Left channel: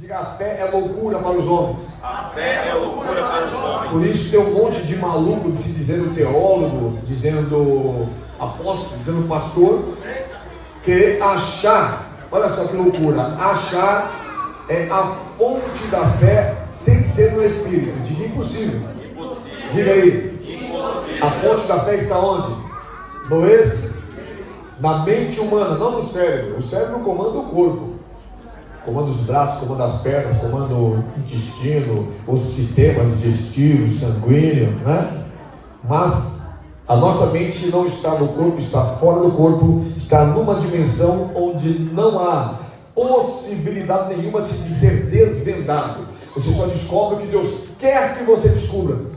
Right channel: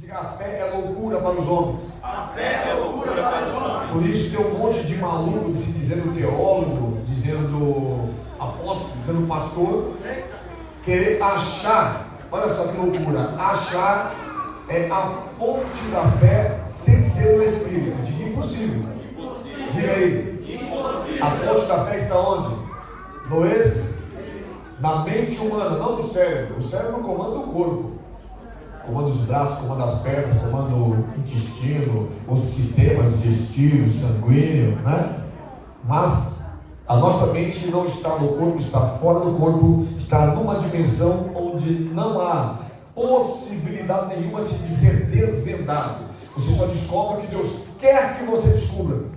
Diga, a fé é loucura para os homens. A fé é loucura para os homens. Por isso tem um monte de maluco se dizendo teólogo, dizendo apóstolo, dizendo pastor, que achar, olha só que loucura, achar é a fonte da fé sem ser o Espírito. Diga impossível. Impossível. Diga aí. Impossível. A fonte da fé está onde? No na mente humana, não no cérebro. O cérebro comanda o corpo. Comanda os braços, comanda as pernas, comanda o intestino, os sistemas digestivos, sanguíneo, né? Mas a nossa mente não está no corpo, está fora do corpo, está numa dimensão onde não há possibilidade nenhuma de ser desvendado. Você só descobre o que Deus quer que você descubra.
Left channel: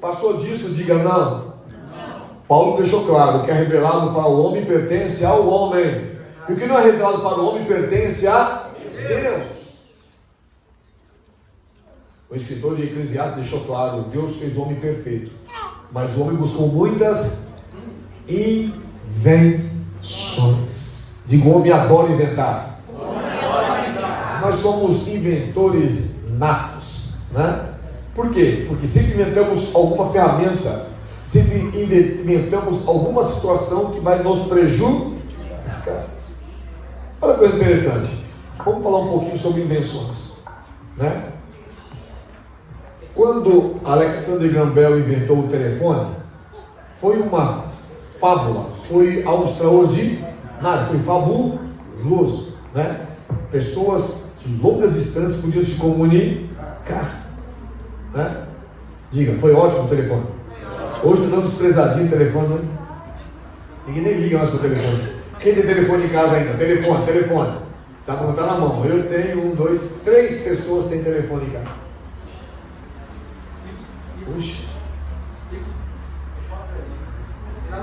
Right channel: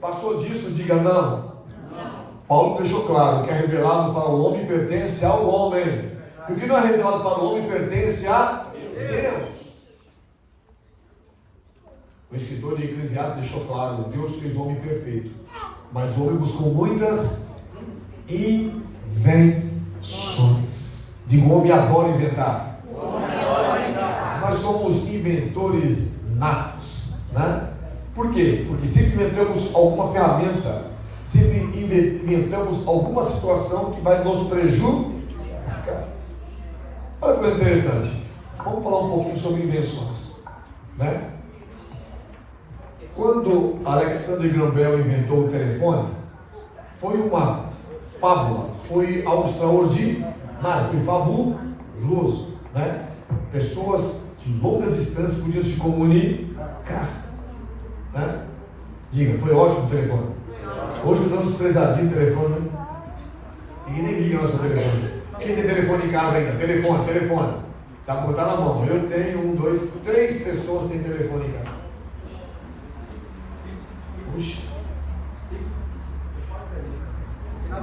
Passou disso, diga não. Paulo deixou claro: o que é revelado para o homem pertence ao homem, e o que não é revelado para o homem pertence a Deus. O escritor de Eclesiastes deixou claro: Deus fez o homem perfeito, mas o homem buscou muitas invenções. Digo, o homem adora inventar. Nós somos inventores natos, né? Por quê? Porque sempre inventamos alguma ferramenta, sempre inventamos alguma situação que vai nos prejudicar. Olha que coisa interessante. Vamos falar um pouquinho sobre invenções, né? Quando Alexander Graham Bell inventou o telefone, foi uma fábula, foi algo extraordinário, foi fabuloso, né? Pessoas de longas distâncias podiam se comunicar, né? Diga, foi ótimo o telefone. Hoje estamos desprezadinho o telefone, né? Ninguém nem liga mais o telefone. Quem tem telefone em casa ainda? Telefone. Tá na mão. Eu tenho 1, 2, 3 pessoas sem telefone em casa. Puxa.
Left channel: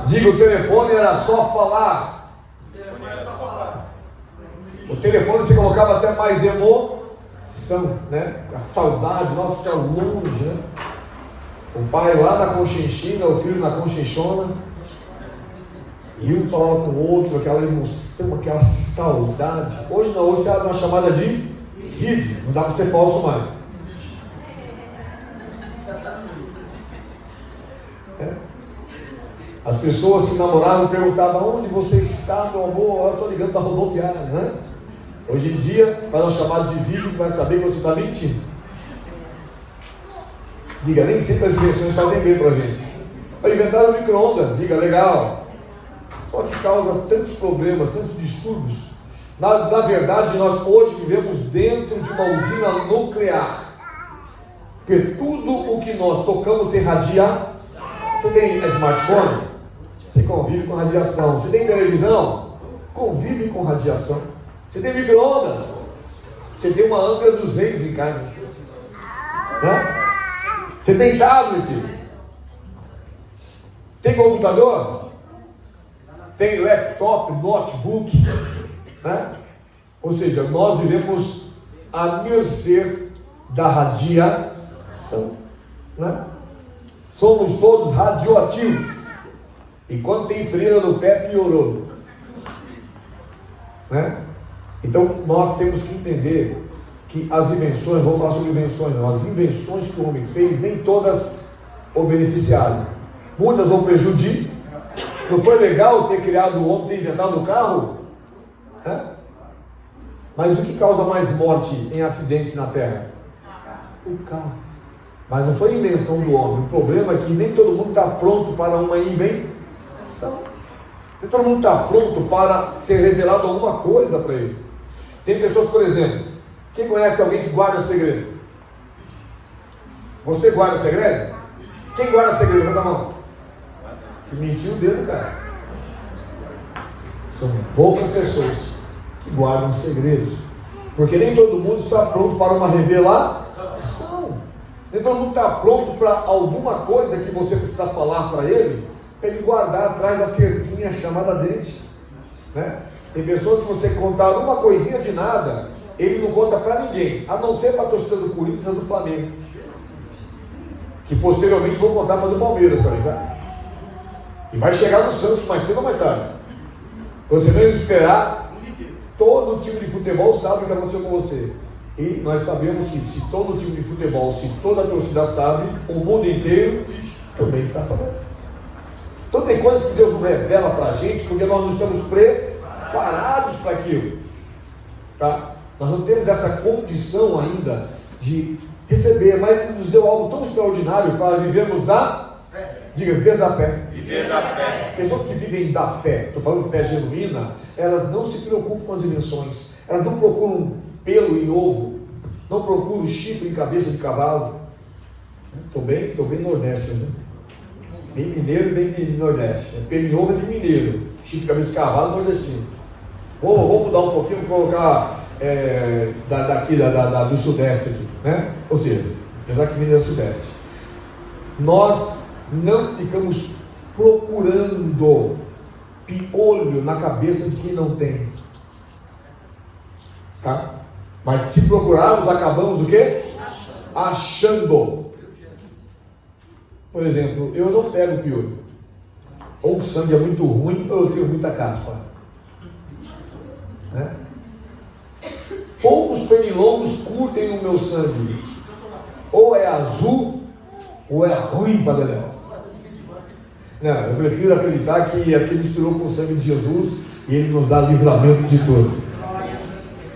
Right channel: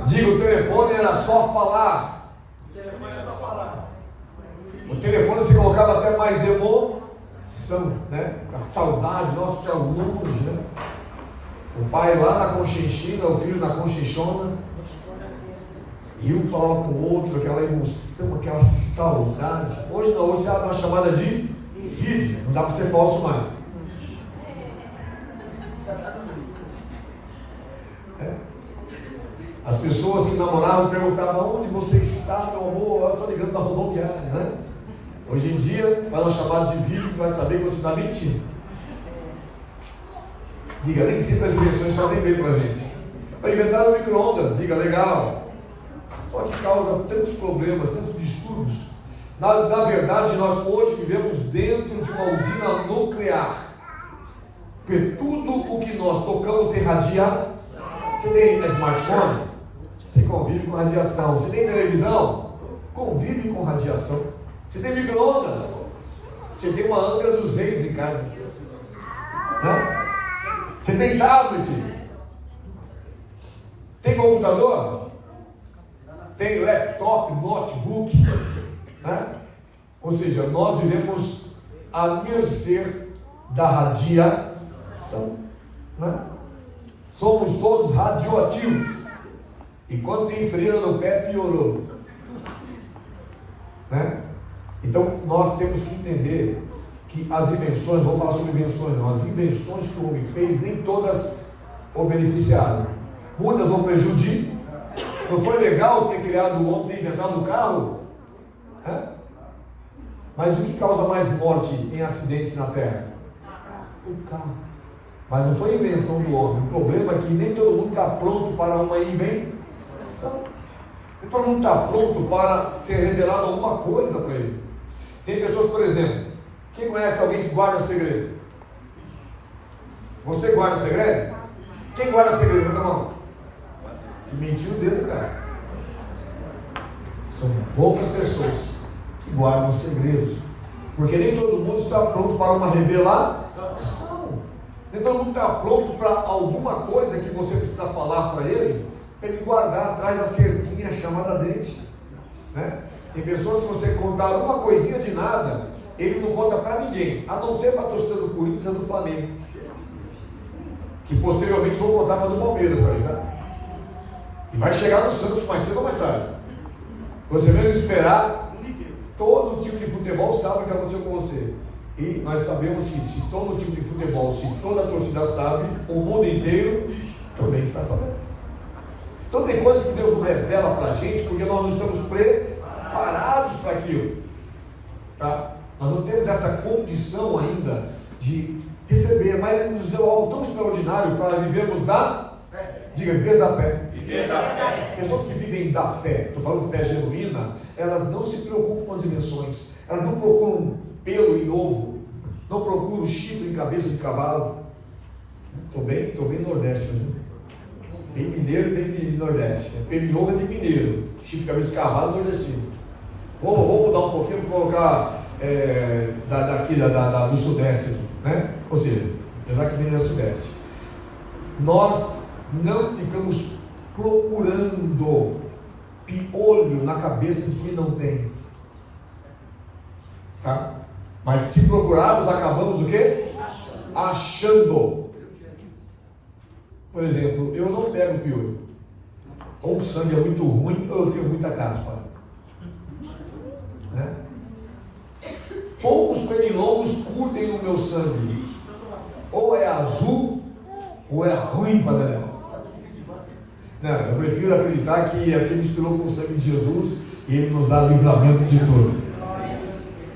Diga, o telefone era só falar. O telefone você colocava até mais emoção, né? A saudade, nossa, está longe, né? O pai lá na Conchinchina, o filho na Conchinchona, e um falava com o outro, aquela emoção, aquela saudade. Hoje não, hoje você dá uma chamada de vídeo, não dá para ser falso mais. É. As pessoas que namoravam perguntavam: onde você está, meu amor? Eu estou ligando para a rodoviária, né? Hoje em dia, faz uma chamada de vídeo para saber que você está mentindo. Diga, nem sempre as invenções fazem bem para a gente. Para inventar o micro-ondas, diga, legal. Só que causa tantos problemas, tantos distúrbios. Na verdade, nós hoje vivemos dentro de uma usina nuclear. Porque tudo o que nós tocamos tem radiação. Você tem smartphone? Você convive com radiação. Você tem televisão? Convive com radiação. Você tem micro-ondas? Você tem uma Angra 200 em casa, né? Você tem tablet? Tem computador? Tem laptop, notebook, né? Ou seja, nós vivemos a mercê da radiação, né? Somos todos radioativos. E quando tem frieira no pé, piorou, né? Então nós temos que entender que as invenções, vamos falar sobre invenções, não, as invenções que o homem fez, nem todas o beneficiaram. Muitas o prejudicam. Não foi legal ter criado o homem, ter inventado o carro? É? Mas o que causa mais morte em acidentes na Terra? O carro. Mas não foi a invenção do homem. O problema é que nem todo mundo está pronto para uma invenção. Nem todo mundo está pronto para ser revelado alguma coisa para ele. Tem pessoas, por exemplo, quem conhece alguém que guarda segredo? Você guarda segredo? Quem guarda segredo? Levanta a mão. Se mentiu o dedo, cara. São poucas pessoas que guardam segredos. Porque nem todo mundo está pronto para uma revelação. Nem todo mundo está pronto para alguma coisa que você precisa falar para ele guardar atrás da cerquinha chamada dente, né? Tem pessoas que você contar alguma coisinha de nada, ele não conta para ninguém, a não ser para a torcida do Corinthians e do Flamengo, que posteriormente vão contar para do Palmeiras, tá ligado? E vai chegar no Santos mais cedo ou mais tarde. Você deve esperar, todo time de futebol sabe o que aconteceu com você. E nós sabemos que se todo time de futebol, se toda a torcida sabe, o mundo inteiro também está sabendo. Então tem coisas que Deus revela para a gente, porque nós não estamos preparados para aquilo. Tá? Nós não temos essa condição ainda de receber, mas Ele nos deu algo tão extraordinário para vivermos da fé. Diga, viver da fé. Viver da fé. Pessoas que vivem da fé, estou falando fé genuína, elas não se preocupam com as dimensões, elas não procuram pelo em ovo, não procuram chifre em cabeça de cavalo. Estou bem nordeste, né? Bem mineiro e bem nordeste. Pelo em ovo é de mineiro, chifre em cabeça de cavalo nordestino. Vou mudar um pouquinho, vou colocar daqui do sudeste aqui, né? Ou seja, apesar que mineiro é sudeste. Nós não ficamos procurando piolho na cabeça de quem não tem, tá? Mas se procurarmos, acabamos o quê? Achando. Por exemplo, eu não pego piolho. Ou o sangue é muito ruim, ou eu tenho muita caspa, né? Poucos pernilongos curtem no meu sangue. Ou é azul, ou é ruim para ler. Não, eu prefiro acreditar que aquele misturou com o sangue de Jesus e Ele nos dá livramento de tudo.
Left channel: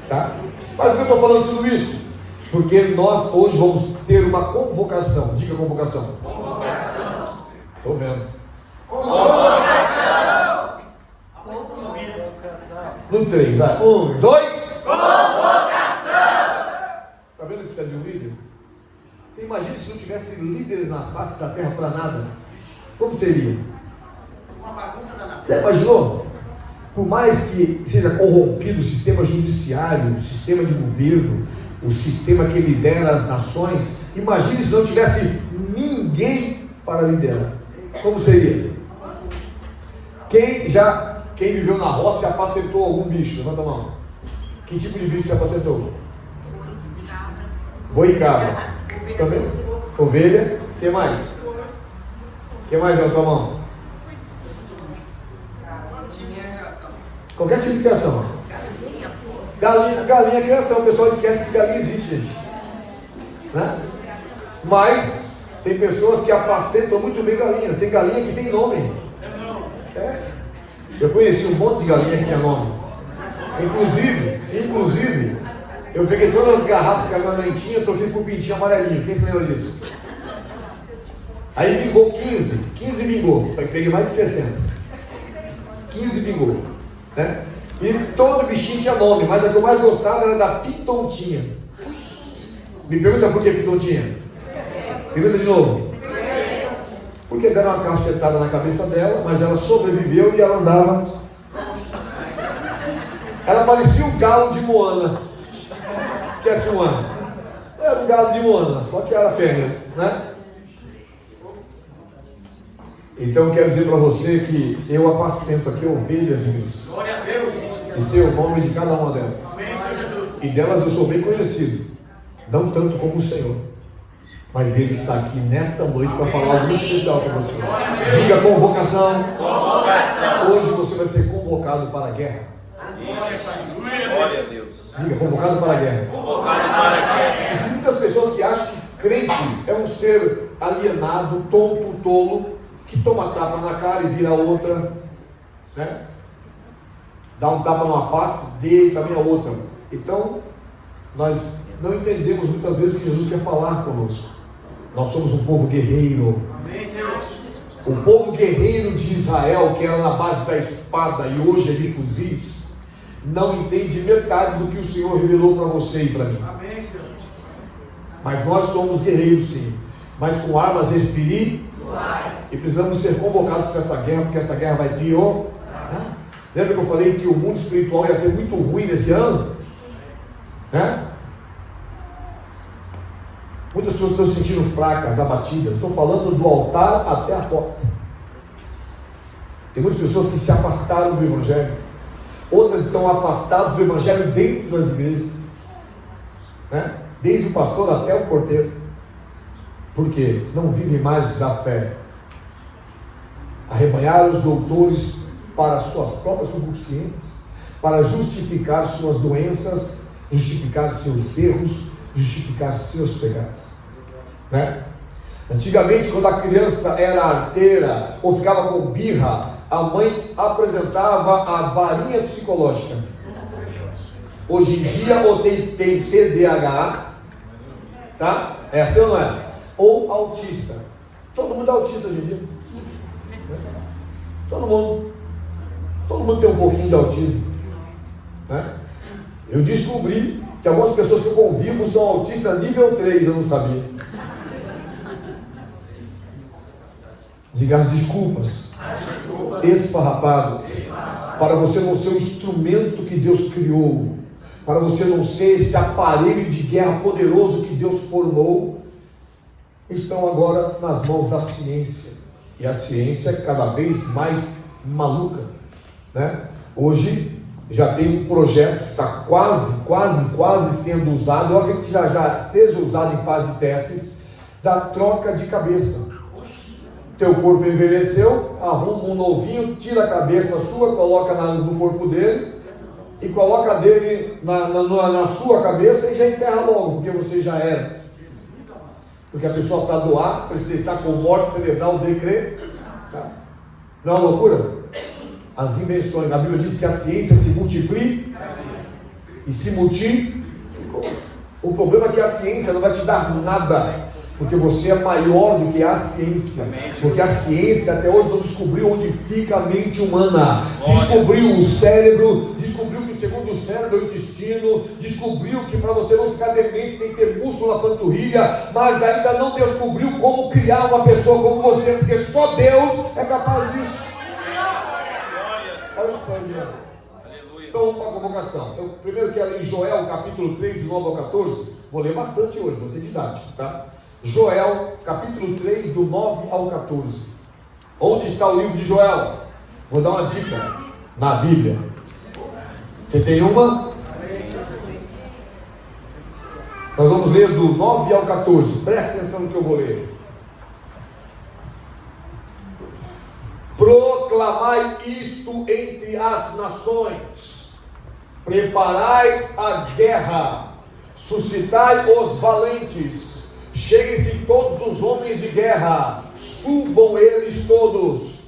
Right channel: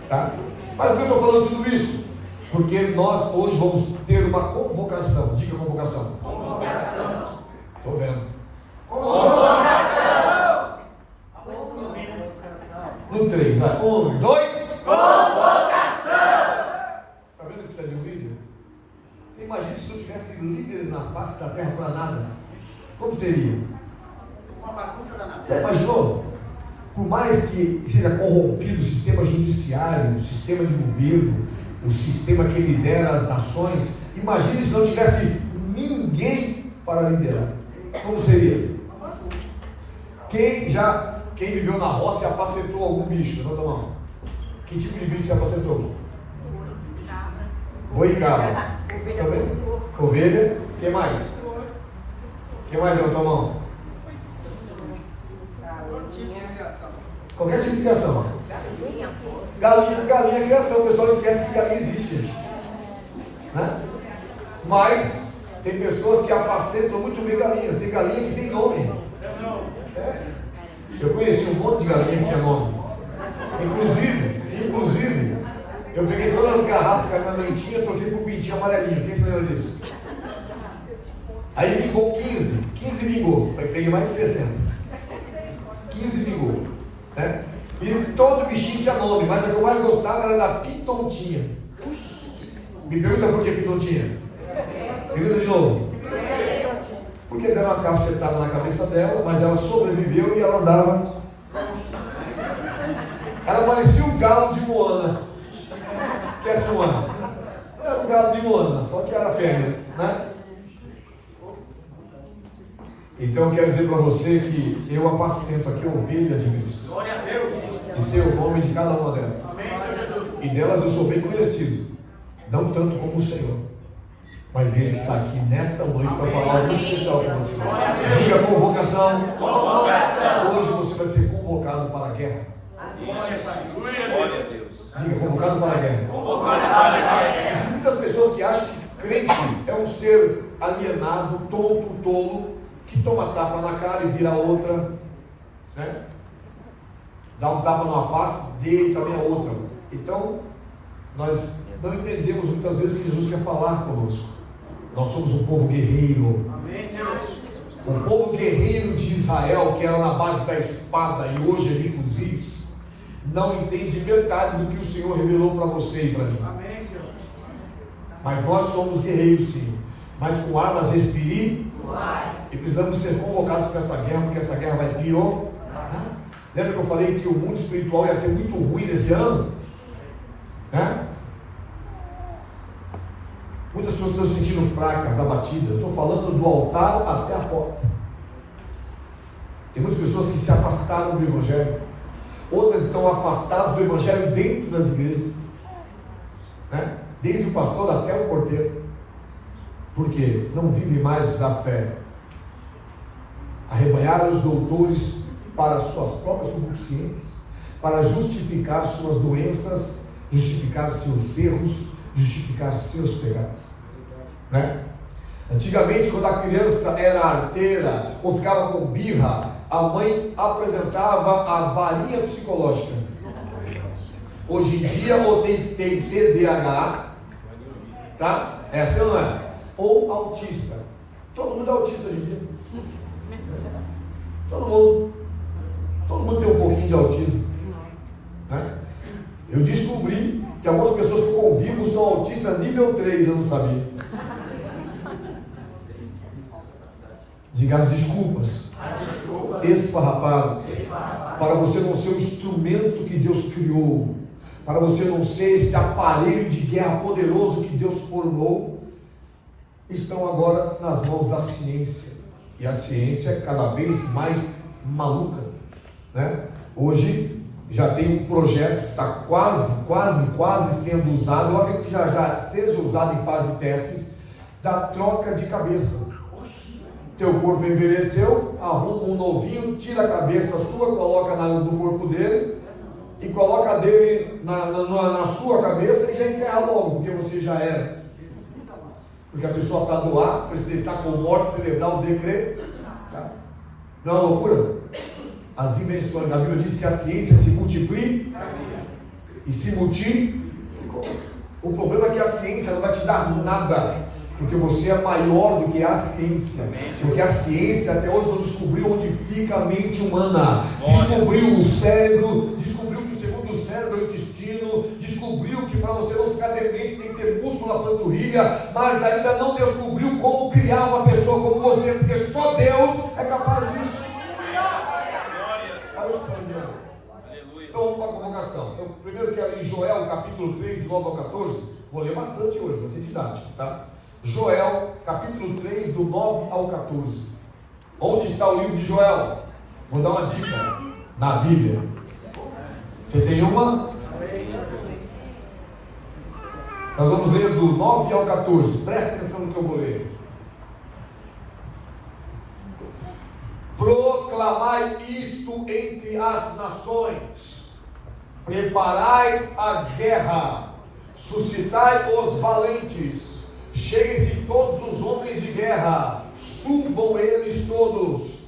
Tá? Mas por que eu estou falando tudo isso? Porque nós hoje vamos ter uma convocação. Diga convocação. Convocação. Estou vendo. Convocação. No 3, 1, 2. Convocação. Está vendo que precisa de um líder? Você imagina se não tivesse líderes na face da terra para nada? Como seria? Uma bagunça danada. Você imaginou? Por mais que seja corrompido o sistema judiciário, o sistema de governo, o sistema que lidera as nações, imagine se não tivesse ninguém para liderar. Como seria? Quem viveu na roça e apacentou algum bicho? Levanta a mão. Que tipo de bicho você apacentou? Boi e cabra. Também? Ovelha. O que mais? O que mais, levanta a mão? Qualquer tipo de criação. Galinha é criação. O pessoal esquece que galinha existe, gente. Né? Mas tem pessoas que apacentam muito bem galinhas. Tem galinha que tem nome. Eu conheci um monte de galinha que tinha nome. Inclusive, eu peguei todas as garrafas que a minha mãe tinha, troquei por pintinho amarelinho. Quem se lembra disso? Aí vingou 15 vingou. Peguei mais de 60. 15 vingou. Né? E todo bichinho tinha nome, mas a que eu mais gostava era da pitontinha. Me pergunta por que pitontinha? Pergunta de novo. Porque deram uma cacetada na cabeça dela, mas ela sobreviveu e ela andava. Ela parecia um galo de Moana. Que é esse Moana? Era um galo de Moana, só que era fêmea, né? Então eu quero dizer para você que eu apacento aqui ovelhas em Cristo. Glória a Deus. E sei o nome de cada uma delas. Amém, Senhor Jesus. E delas eu sou bem conhecido. Não tanto como o Senhor. Mas Ele está aqui nesta noite para falar algo muito especial para você. Diga convocação. Convocação. Hoje você vai ser convocado para a guerra. Glória a Deus. Diga convocado para a guerra. Convocado para a guerra. Existem muitas pessoas que acham que crente é um ser alienado, tonto, tolo, que toma tapa na cara e vira outra, né? Dá um tapa numa face, dê também a outra. Então, nós não entendemos muitas vezes o que Jesus quer falar conosco. Nós somos um povo guerreiro. Amém, Senhor. O povo guerreiro de Israel, que era na base da espada e hoje é de fuzis, não entende metade do que o Senhor revelou para você e para mim. Amém, Senhor. Mas nós somos guerreiros, sim, mas com armas espirituais. E precisamos ser convocados para essa guerra, porque essa guerra vai piorar. Lembra que eu falei que o mundo espiritual ia ser muito ruim nesse ano? Né? Muitas pessoas estão se sentindo fracas, abatidas. Estou falando do altar até a porta. Tem muitas pessoas que se afastaram do Evangelho. Outras estão afastadas do Evangelho dentro das igrejas, né? Desde o pastor até o porteiro. Porque não vivem mais da fé. Arrebanharam os doutores para suas próprias concupiscências, para justificar suas doenças justificar seus erros, justificar seus pecados, né? Antigamente, quando a criança era arteira ou ficava com birra, a mãe apresentava a varinha psicológica. Hoje em dia, ou tem TDAH, tá? É assim ou não é? Ou autista. Todo mundo é autista hoje em dia. Todo mundo tem um pouquinho de autismo, né? Eu descobri que algumas pessoas que eu convivo são autistas nível 3, eu não sabia. Diga as desculpas esfarrapadas, para você não ser o instrumento que Deus criou, para você não ser esse aparelho de guerra poderoso que Deus formou, estão agora nas mãos da ciência, e a ciência é cada vez mais maluca, né? Hoje já tem um projeto que está quase sendo usado, eu acredito que já seja usado em fase de testes, da troca de cabeça. Teu corpo envelheceu, arruma um novinho, tira a cabeça sua, coloca no corpo dele e coloca dele na sua cabeça e já enterra logo, porque você já era. Porque a pessoa para doar, precisa estar com morte cerebral decreto. Tá? Não é uma loucura? As invenções, a Bíblia diz que a ciência se multiplica e se multiplica. O problema é que a ciência não vai te dar nada, porque você é maior do que a ciência, porque a ciência até hoje não descobriu onde fica a mente humana, descobriu o cérebro, descobriu que segundo o cérebro é o intestino, descobriu que para você não ficar demente tem que ter músculo na panturrilha, mas ainda não descobriu como criar uma pessoa como você, porque só Deus é capaz disso. Então, uma convocação. Então, primeiro eu quero ler Joel, capítulo 3, do 9 ao 14. Vou ler bastante hoje, vou ser didático, tá? Joel, capítulo 3, do 9 ao 14. Onde está o livro de Joel? Vou dar uma dica na Bíblia. Você tem uma? Nós vamos ler do 9 ao 14. Presta atenção no que eu vou ler. Proclamai isto entre as nações, preparai a guerra, suscitai os valentes, cheguem-se todos os homens de guerra, subam eles todos,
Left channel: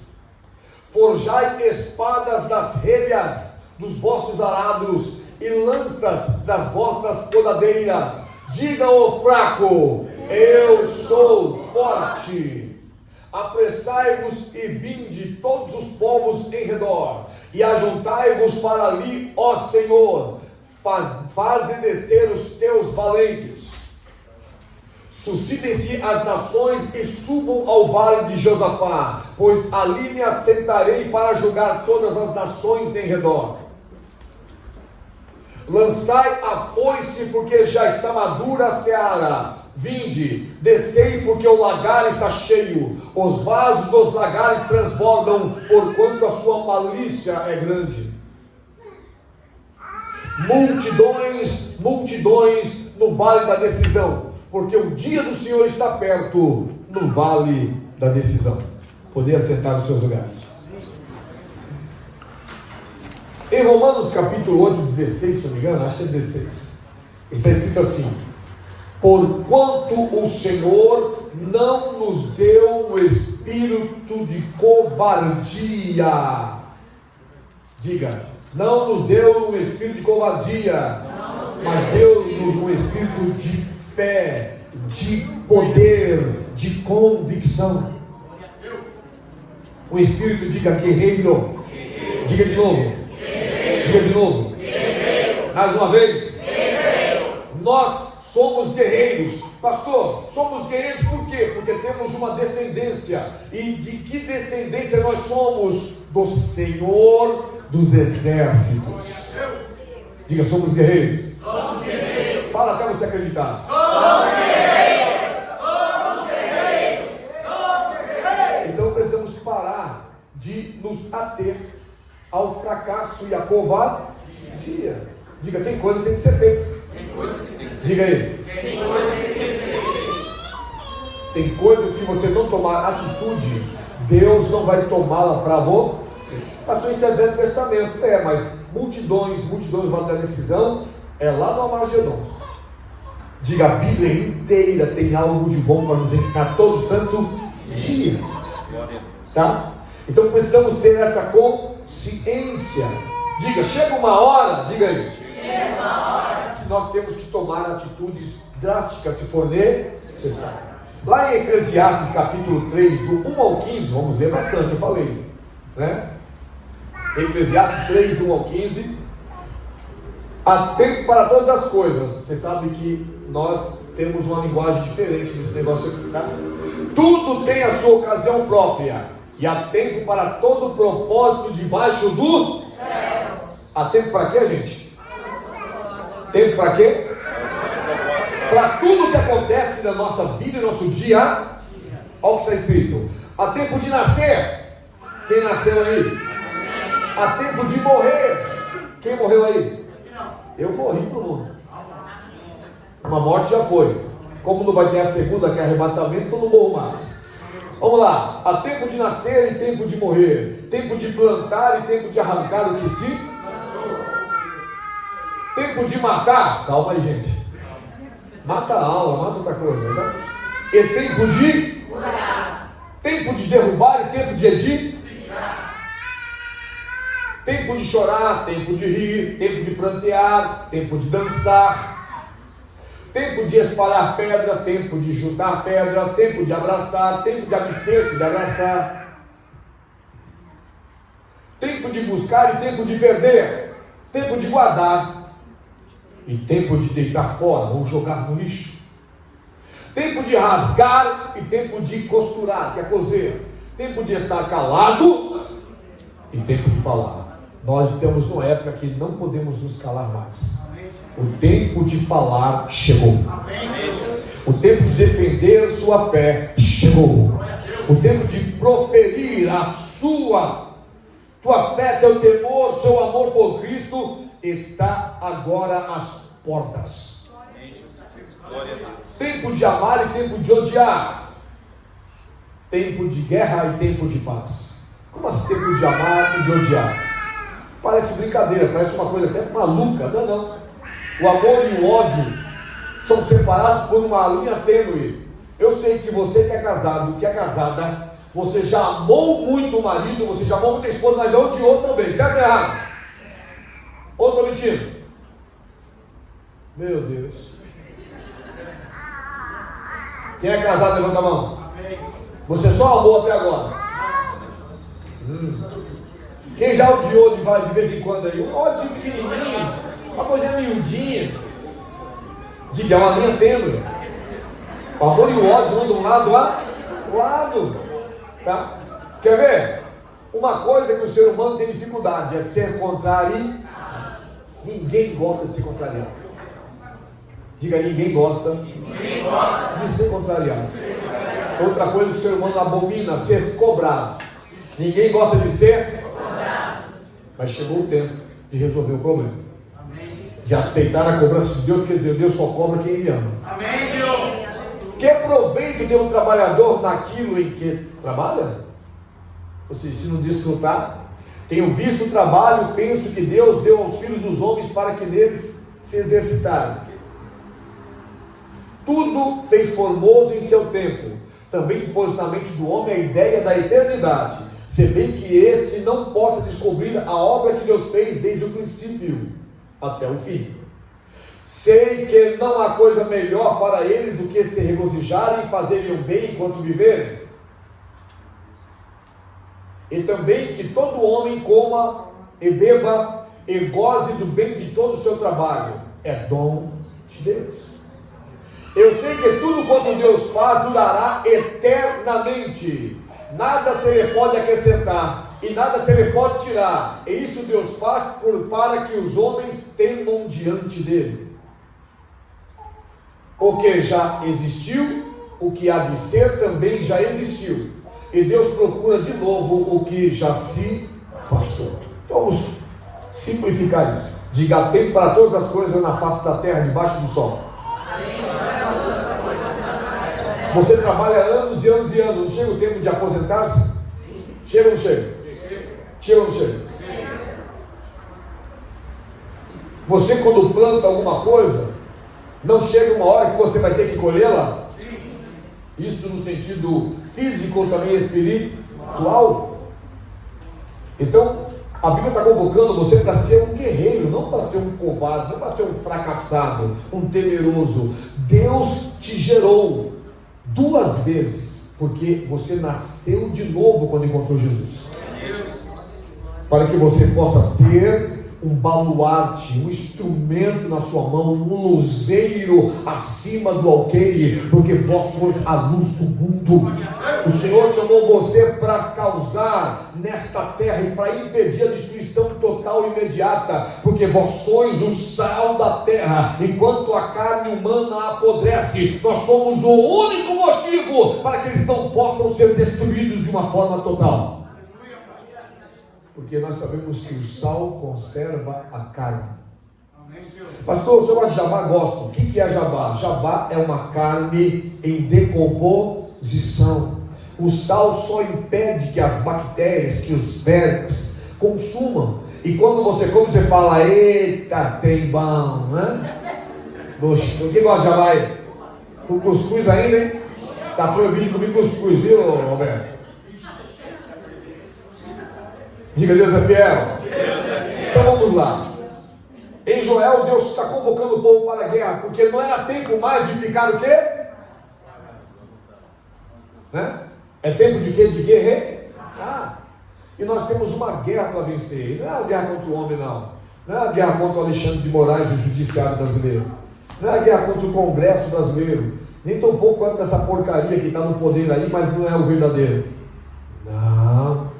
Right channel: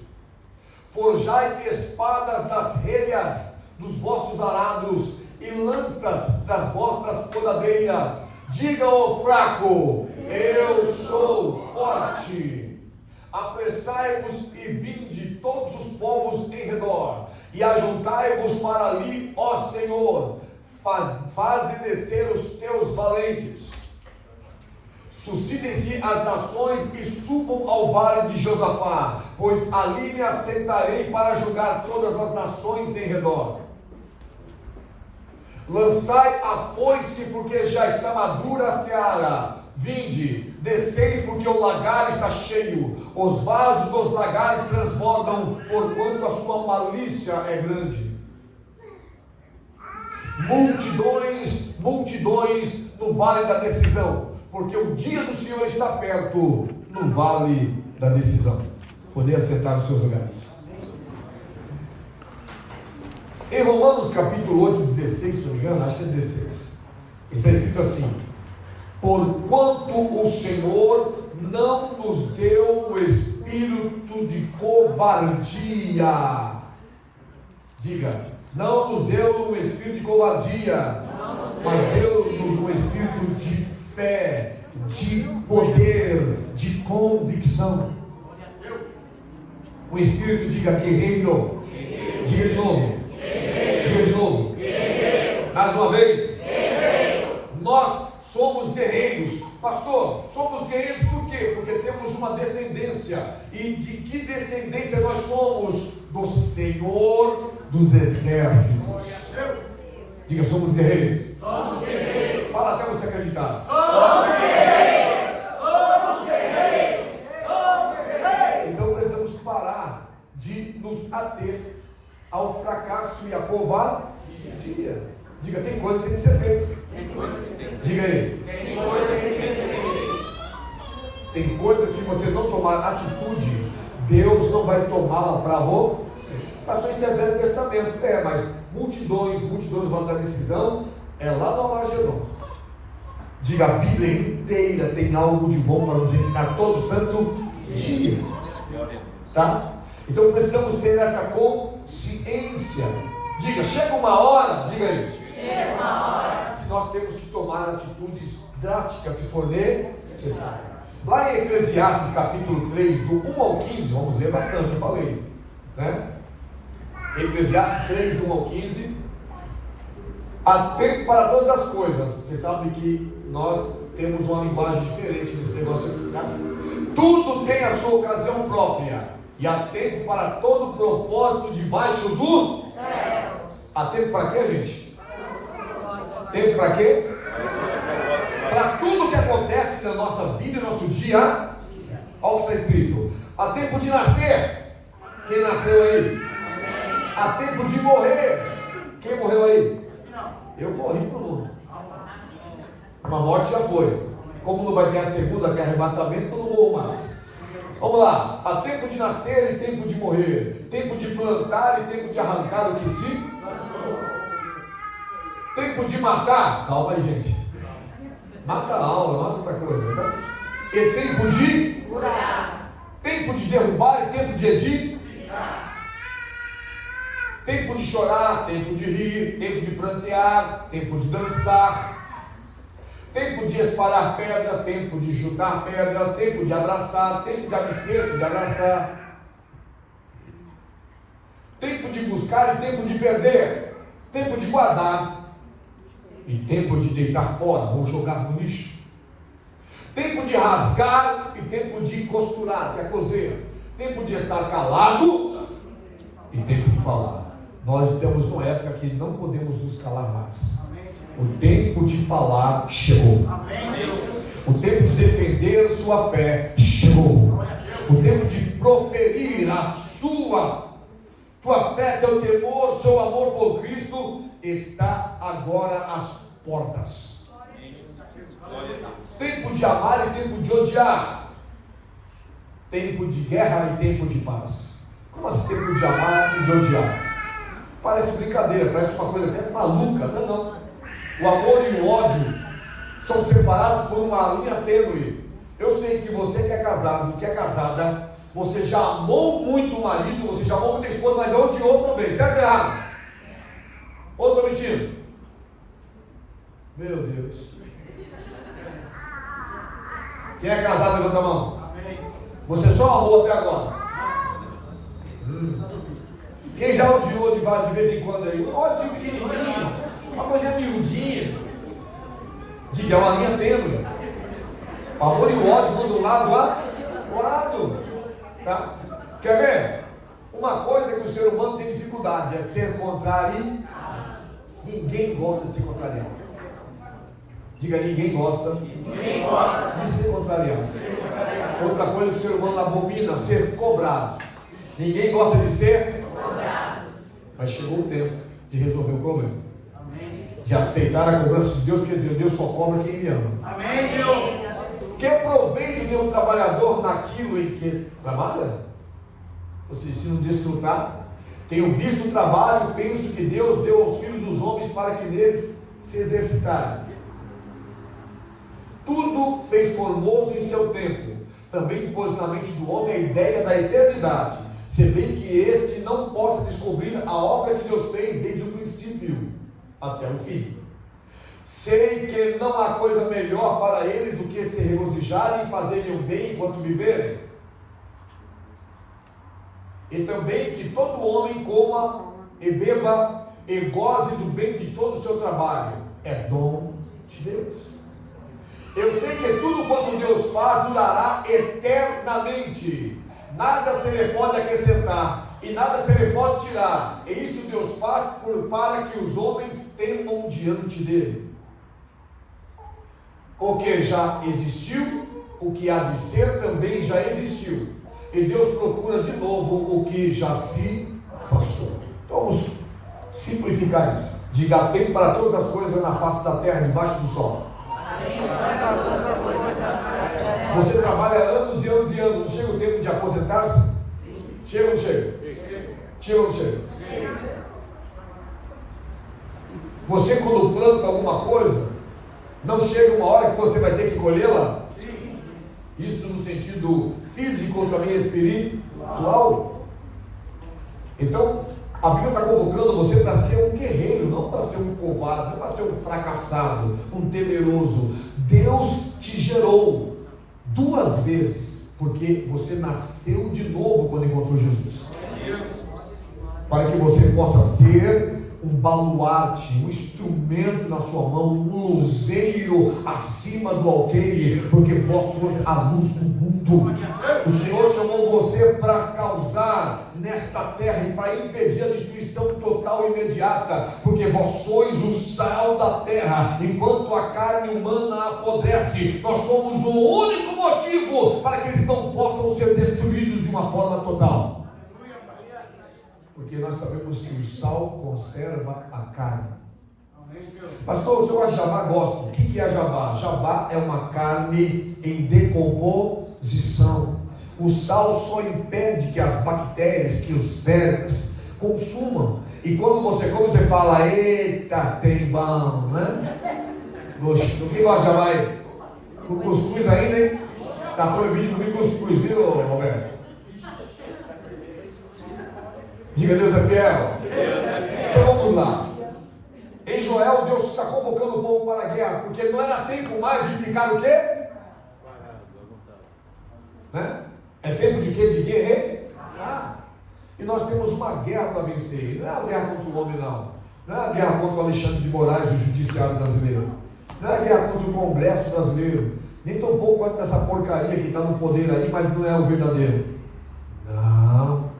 forjai espadas das relhas dos vossos arados e lanças das vossas podadeiras, diga ao fraco, eu sou forte. Apressai-vos e vinde todos os povos em redor, e ajuntai-vos para ali, ó Senhor, faze descer os teus valentes. Suscitem-se as nações e subam ao vale de Josafá, pois ali me assentarei para julgar todas as nações em redor. Lançai a foice, porque já está madura a seara. Vinde, descei, porque o lagar está cheio, os vasos dos lagares transbordam, porquanto a sua malícia é grande. Multidões no vale da decisão, porque o dia do Senhor está perto, no vale da decisão. Poder assentar nos seus lugares. Em Romanos capítulo 8, 16, se não me engano, acho que é 16, está escrito assim: porquanto o Senhor não nos deu um espírito de covardia. Diga, não nos deu um espírito de covardia, mas deu-nos um espírito de fé, de poder, de convicção. O espírito, diga guerreiro. Diga de novo. Diga de novo. Mais uma vez. Nós somos guerreiros. Pastor, somos guerreiros por quê? Porque temos uma descendência. E de que descendência nós somos? Do Senhor dos Exércitos. Diga, somos guerreiros. Somos guerreiros. Fala até você acreditar. Somos guerreiros. Somos guerreiros. Somos guerreiros. Então precisamos parar de nos ater ao fracasso e à covardia. Diga, tem coisa que tem que ser feita. Diga aí. Tem coisas que se você não tomar atitude, Deus não vai tomá-la para você. Pastor, isso é Velho Testamento. Mas multidões vão dar decisão. É lá no Armagedon. Diga, a Bíblia inteira tem algo de bom para nos ensinar todo santo dia. Tá? Então precisamos ter essa consciência. Diga, chega uma hora, diga aí. Chega uma hora que nós temos que tomar atitudes drásticas, se for necessário. Lá em Eclesiastes capítulo 3, do 1 ao 15, vamos ler bastante, eu falei, né? Eclesiastes 3, do 1 ao 15. Há tempo para todas as coisas. Você sabe que nós temos uma linguagem diferente desse negócio aqui, tá? Tudo tem a sua ocasião própria, e há tempo para todo propósito debaixo do céu. Há tempo para quê, gente? Tempo para quê? Para tudo que acontece na nossa vida e no nosso dia. Olha o que está escrito. Há tempo de nascer. Quem nasceu aí? Há tempo de morrer. Quem morreu aí? Eu morri pro mundo. Uma morte já foi. Como não vai ter a segunda, que é arrebatamento, eu não morro mais. Vamos lá. Há tempo de nascer e tempo de morrer. Tempo de plantar e tempo de arrancar o que se... Tempo de matar. Calma aí, gente. Mata a alma, mata outra coisa, né? E tempo de curar. Tempo de derrubar e tempo de edificar. Tempo de chorar, tempo de rir, tempo de prantear, tempo de dançar, tempo de espalhar pedras, tempo de juntar pedras, tempo de abraçar, tempo de abster-se de abraçar, tempo de buscar e tempo de perder, tempo de guardar e tempo de deitar fora ou jogar no lixo, tempo de rasgar e tempo de costurar, que é coser, tempo de estar calado e tempo de falar. Nós estamos numa época que não podemos nos calar mais. O tempo de falar chegou. O tempo de defender sua fé chegou. O tempo de proferir a tua fé, teu temor, seu amor por Cristo está agora às portas. Tempo de amar e tempo de odiar. Tempo de guerra e tempo de paz. Como assim tempo de amar e de odiar? Parece brincadeira, parece uma coisa até maluca. Não, não. O amor e o ódio são separados por uma linha tênue. Eu sei que você que é casado, que é casada, você já amou muito o marido, você já amou muito a esposa, mas odiou também. Certo ou errado? Ou estou mentindo? Meu Deus. Quem é casado, levanta a mão. Você só amou até agora. Quem já odiou de vez em quando aí? Um ódio pequenininho, uma coisa miudinha. Diga, é uma linha tênue. O amor e o ódio vão de um lado lá do lado. Tá? Quer ver? Uma coisa que o ser humano tem dificuldade é ser contrário. Ninguém gosta de ser contrariado. Diga, ninguém gosta de ser contrariado. Outra coisa que o ser humano abomina, ser cobrado. Ninguém gosta de ser cobrado. Mas chegou o tempo de resolver o problema. De aceitar a cobrança de Deus, porque Deus só cobra quem Ele ama. Amém, Senhor. Que proveito tem um trabalhador naquilo em que trabalha? Ou seja, se não desfrutar, tenho visto o trabalho, penso que Deus deu aos filhos dos homens para que neles se exercitarem. Tudo fez formoso em seu tempo. Também pôs na mente do homem a ideia da eternidade, se bem que este não possa descobrir a obra que Deus fez desde o princípio até o fim. Sei que não há coisa melhor para eles do que se regozijarem e fazerem o bem enquanto viverem. E também que todo homem coma e beba e goze do bem de todo o seu trabalho. É dom de Deus. Eu sei que tudo quanto Deus faz durará eternamente. Nada se lhe pode acrescentar e nada se lhe pode tirar. E isso Deus faz para que os homens temam diante dele. O que já existiu, o que há de ser também já existiu. E Deus procura de novo o que já se passou. Vamos simplificar isso. Diga, tempo para todas as coisas na face da terra, debaixo do sol. Você trabalha anos e anos e anos. Não chega o tempo de aposentar-se? Chega ou não chega? Chega ou não chega? Você, quando planta alguma coisa, não chega uma hora que você vai ter que colhê-la? Isso no sentido físico, também espiritual. Então, a Bíblia está convocando você para ser um guerreiro, não para ser um covarde, não para ser um fracassado, um temeroso. Deus te gerou 2 vezes, porque você nasceu de novo quando encontrou Jesus. Para que você possa ser um baluarte, um instrumento na sua mão, um luzeiro acima do alqueire, porque vós sois a luz do mundo. O Senhor chamou você para causar nesta terra e para impedir a destruição total e imediata, porque vós sois o sal da terra. Enquanto a carne humana apodrece, nós somos o único motivo para que eles não possam ser destruídos de uma forma total. Porque nós sabemos que o sal conserva a carne. Pastor, o senhor gosta de jabá? Gosto. O que é jabá? Jabá é uma carne em decomposição. O sal só impede que as bactérias, que os vermes consumam. E quando você come, você fala: eita, tem bom, né? Quem gosta de jabá aí? Com cuscuz ainda, hein? Está proibido comer cuscuz, viu, Roberto? Diga: Deus é fiel. Então vamos lá. Em Joel, Deus está convocando o povo para a guerra, porque não era tempo mais de ficar o quê? Né? É tempo de quê? De guerrear. E nós temos uma guerra para vencer. Não é a guerra contra o homem, não. Não é a guerra contra o Alexandre de Moraes e o judiciário brasileiro. Não é a guerra contra o Congresso brasileiro. Nem tão pouco contra essa porcaria que está no poder aí, mas não é o verdadeiro. Não.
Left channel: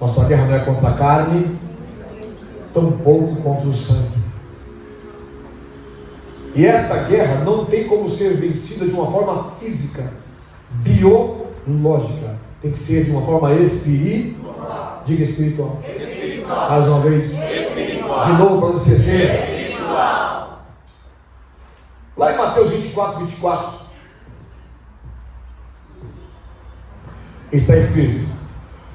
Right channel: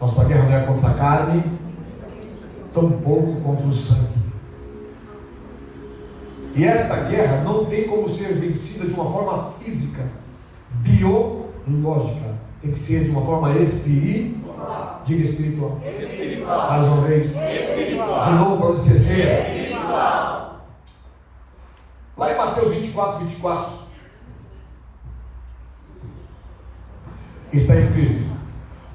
Nossa guerra não é contra a carne, tão pouco contra o sangue. E esta guerra não tem como ser vencida de uma forma física, biológica. Tem que ser de uma forma espiritual. Diga: espiritual. Mais uma vez. De novo, para você ser. Lá em Mateus 24, está escrito:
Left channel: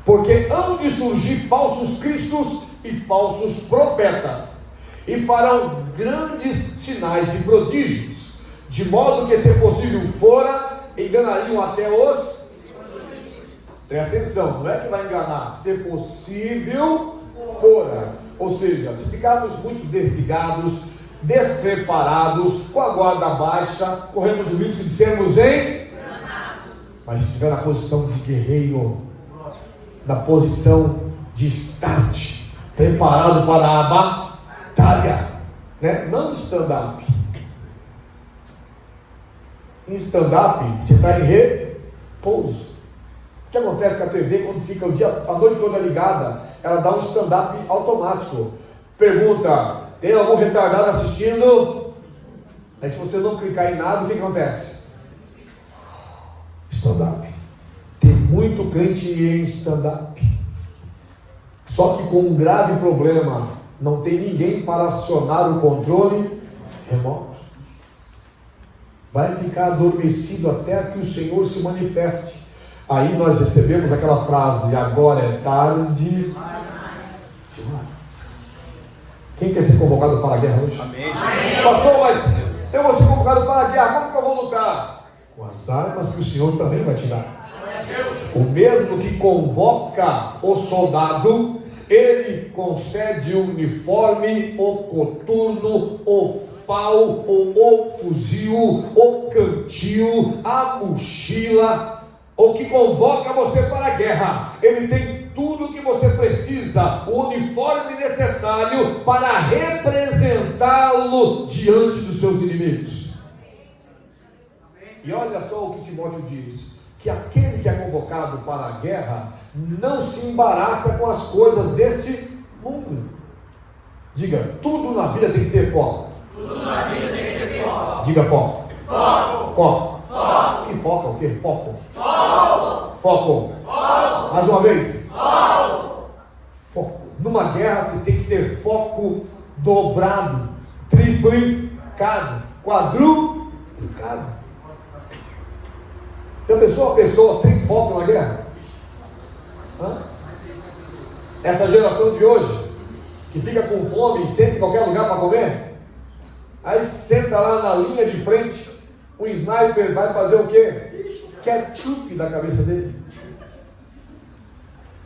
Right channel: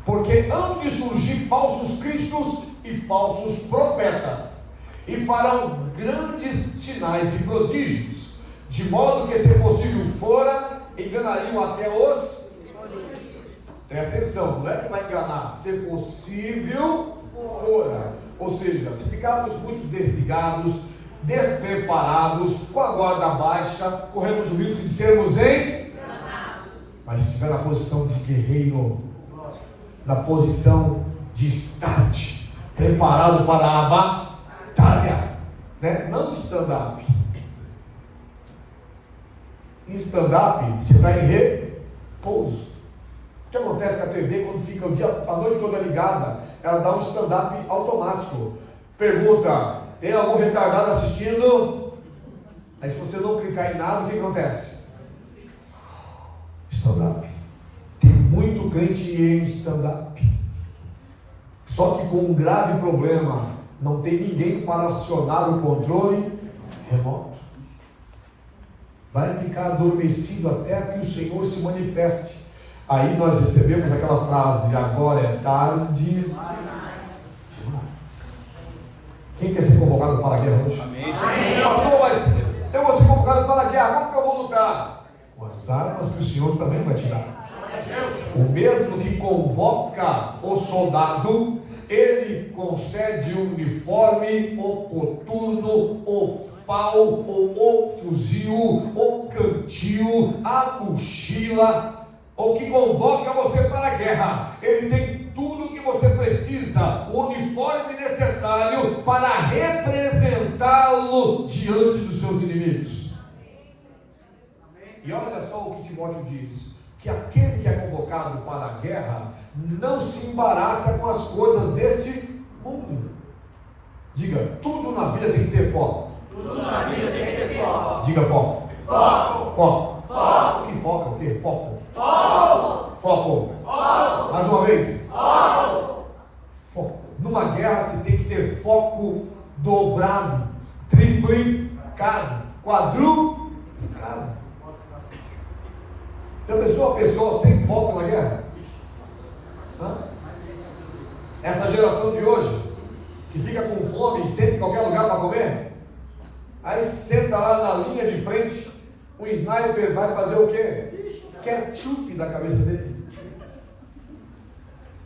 porque hão de surgir falsos cristos e falsos profetas, e farão grandes sinais e prodígios, de modo que, se possível fora, enganariam até os. Presta atenção, não é que vai enganar, se possível fora. Ou seja, se ficarmos muito desligados, despreparados, com a guarda baixa, corremos o risco de sermos enganados. Mas se estiver na posição de guerreiro, na posição de start, preparado para a batalha, né? Não stand-up. Em stand-up, você está em repouso. O que acontece com a TV quando fica o dia, a noite toda ligada? Ela dá um stand-up automático. Pergunta: tem algum retardado assistindo? Aí, se você não clicar em nada, o que acontece? Stand-up. Tem muito crente em stand-up. Só que com um grave problema: não tem ninguém para acionar o controle remoto. Vai ficar adormecido até que o Senhor se manifeste. Aí nós recebemos aquela frase: agora é tarde demais. Quem quer ser convocado para a guerra hoje? Amém. Pastor, mas eu vou ser convocado para a guerra, como que eu vou lutar? Com as armas que o Senhor também vai te dar. O mesmo que convoca o soldado, ele concede o uniforme, o coturno, o FAL, o fuzil, o cantil, a mochila. O que convoca você para a guerra, ele tem tudo o que você precisa, o uniforme necessário para representá-lo diante dos seus inimigos. E olha só o que Timóteo diz: que aquele que é convocado para a guerra não se embaraça com as coisas deste mundo. Diga: tudo na vida tem que ter foco. Tudo na vida tem que ter foco. Diga: foco. Foco. Foco. Foco. Que foco? O que? Foco. Foco. Foco. Foco. Mais uma vez. Foco. Foco. Numa guerra você tem que ter foco dobrado, triplicado, quadruplicado. Já pensou uma pessoa sem foco na guerra? Essa geração de hoje que fica com fome e senta em qualquer lugar para comer? Aí senta lá na linha de frente, um sniper vai fazer o quê? Ketchup na cabeça dele.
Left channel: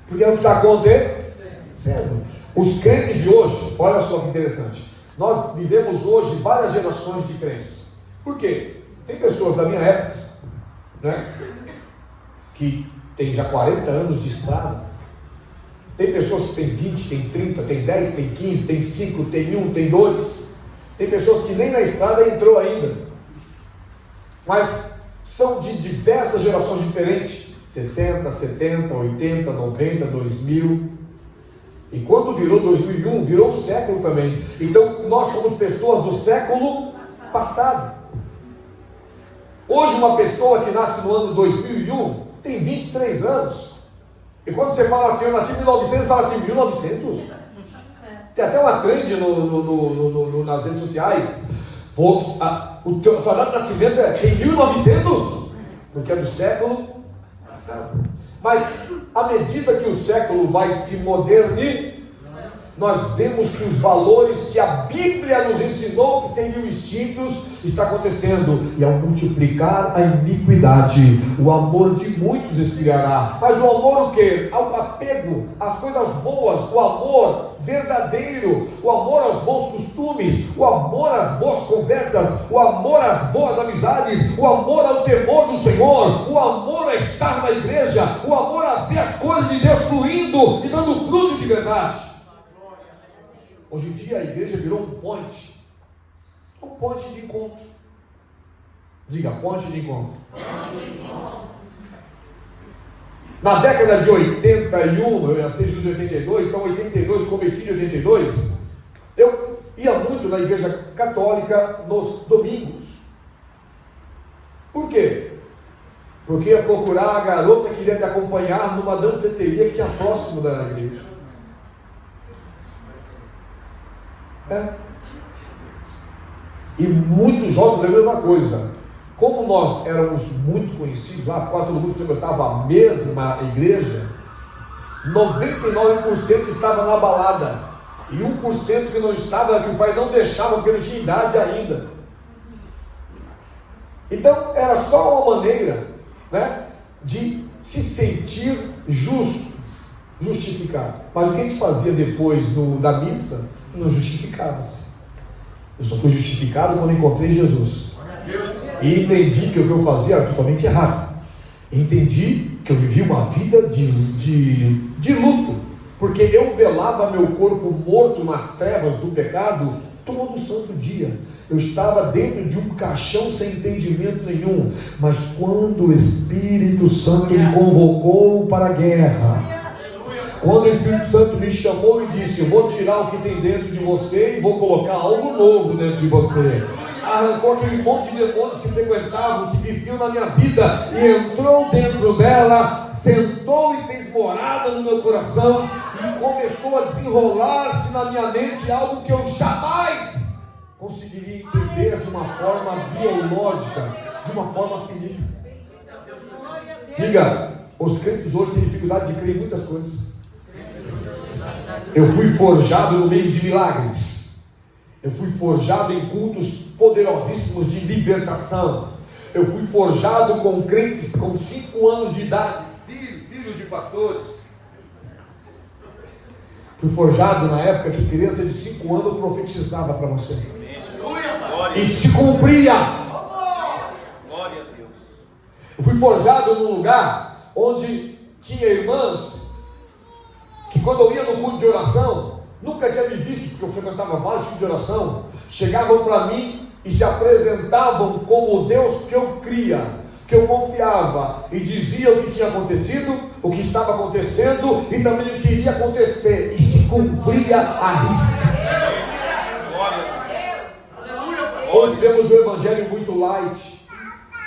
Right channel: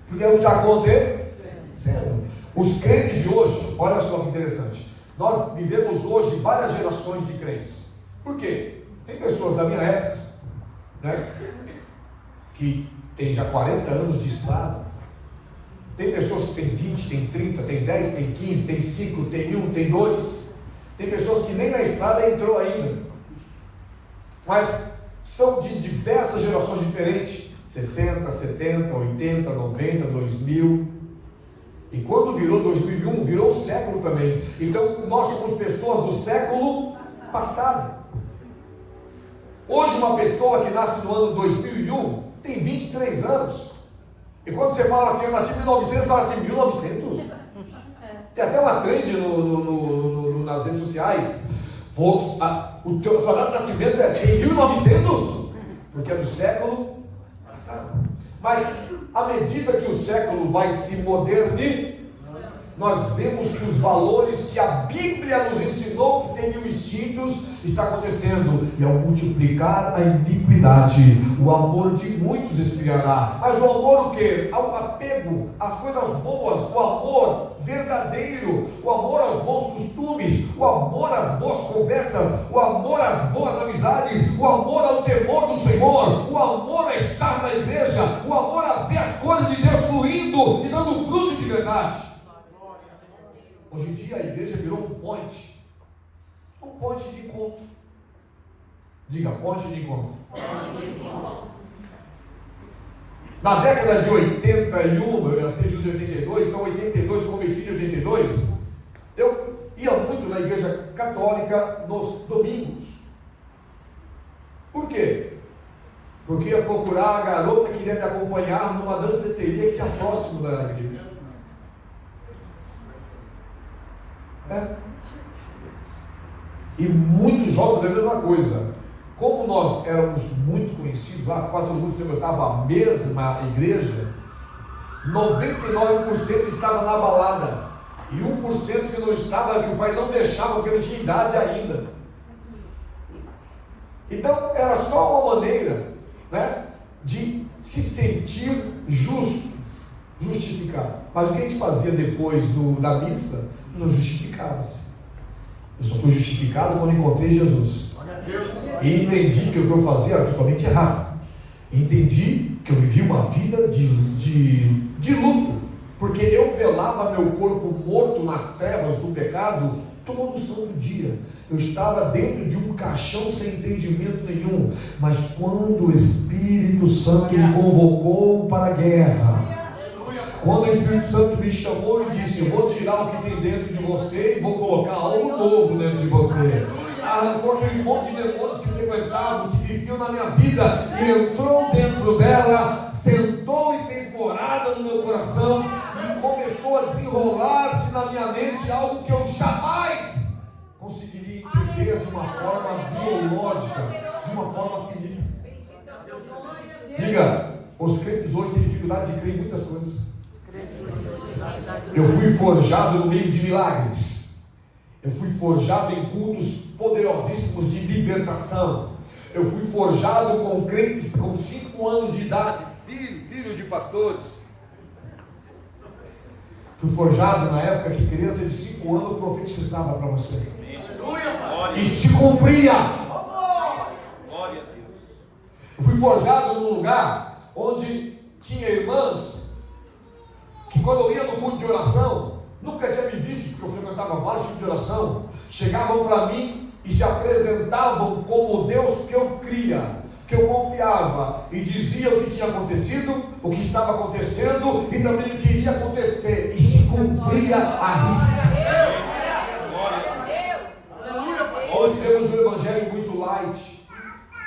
Porque é o que está acontecendo. Os crentes de hoje, olha só que interessante, nós vivemos hoje várias gerações de crentes. Por quê? Tem pessoas da minha época, né, que tem já 40 anos de estrada. Tem pessoas que têm 20, tem 30, tem 10, tem 15, tem 5, tem 1, tem 2. Tem pessoas que nem na estrada entrou ainda. Mas são de diversas gerações diferentes. 60, 70, 80, 90, 2000. E quando virou 2001, virou o século também. Então nós somos pessoas do século passado. Hoje uma pessoa que nasce no ano 2001 tem 23 anos. E quando você fala assim, eu nasci em 1900, fala assim, 1900? Tem até uma trend nas redes sociais. O teu nascimento é em 1900? Porque é do século passado. Mas, à medida que o século vai se modernizar, nós vemos que os valores que a Bíblia nos ensinou que seriam extintos, está acontecendo. E ao multiplicar a iniquidade, o amor de muitos esfriará. Mas o amor o quê? Ao apego às coisas boas, o amor verdadeiro, o amor aos bons costumes, o amor às boas conversas, o amor às boas amizades, o amor ao temor do Senhor, o amor a estar na igreja, o amor a ver as coisas de Deus fluindo e dando fruto de verdade. Hoje em dia a igreja virou um ponte de encontro. Diga, ponte de encontro. Na década de 81, eu já fiz de 82, então 82, comecei de 82, eu ia muito na igreja católica nos domingos. Por quê? Porque ia procurar a garota que queria me acompanhar numa danceteria que tinha próximo da igreja. E muitos jovens a mesma coisa. Como nós éramos muito conhecidos lá, quase todo mundo frequentava a mesma igreja, 99% estava na balada e 1% que não estava, que o pai não deixava porque não tinha idade ainda. Então era só uma maneira, né, de se sentir justificado. Mas o que a gente fazia depois da missa? Não justificava-se. Eu só fui justificado quando encontrei Jesus. E entendi que o que eu fazia era totalmente errado. Entendi que eu vivia uma vida de luto, porque eu velava meu corpo morto nas trevas do pecado todo santo dia. Eu estava dentro de um caixão sem entendimento nenhum. Mas quando o Espírito Santo me convocou para a guerra, quando o Espírito Santo me chamou e disse: eu vou tirar o que tem dentro de você e vou colocar algo novo dentro de você, arrancou aquele monte de demônios que frequentavam, que viviam na minha vida, e entrou dentro dela, sentou e fez morada no meu coração, e começou a desenrolar-se na minha mente algo que eu jamais conseguiria entender de uma forma biológica, de uma forma finita. Diga, os crentes hoje têm dificuldade de crer em muitas coisas. Eu fui forjado no meio de milagres. Eu fui forjado em cultos poderosíssimos de libertação. Eu fui forjado com crentes com 5 anos de idade, filho de pastores. Fui forjado na época que criança de 5 anos profetizava para você. E se cumpria. Eu fui forjado num lugar onde tinha irmãs que, quando eu ia no culto de oração, nunca tinha me visto, porque eu frequentava vários cultos de oração, chegavam para mim e se apresentavam como o Deus que eu cria, que eu confiava, e diziam o que tinha acontecido, o que estava acontecendo e também o que iria acontecer, e se cumpria a risca. Hoje temos um evangelho muito light.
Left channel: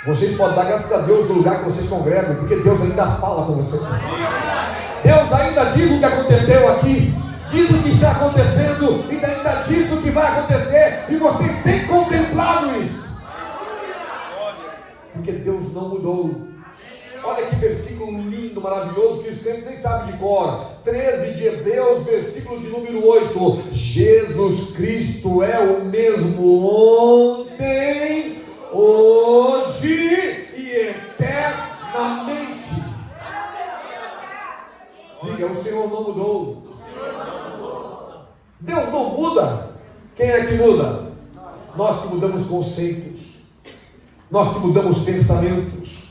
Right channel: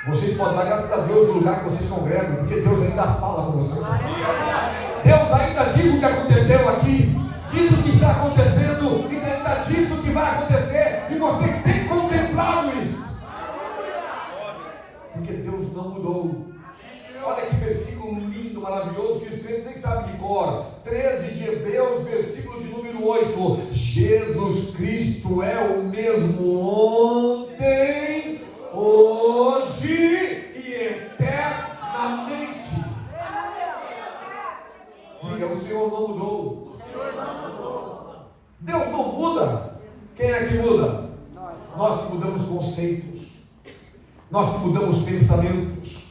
Vocês podem dar graças a Deus no lugar que vocês congregam, porque Deus ainda fala com vocês. Deus ainda diz o que aconteceu aqui, diz o que está acontecendo, e ainda diz o que vai acontecer, e vocês têm contemplado isso, porque Deus não mudou. Olha que versículo lindo, maravilhoso, que os crentes nem sabem de cor. 13 de Hebreus, versículo de número 8. Jesus Cristo é o mesmo ontem, hoje e eternamente. Diga, o Senhor não mudou. Deus não muda. Quem é que muda? Nós que mudamos conceitos, nós que mudamos pensamentos,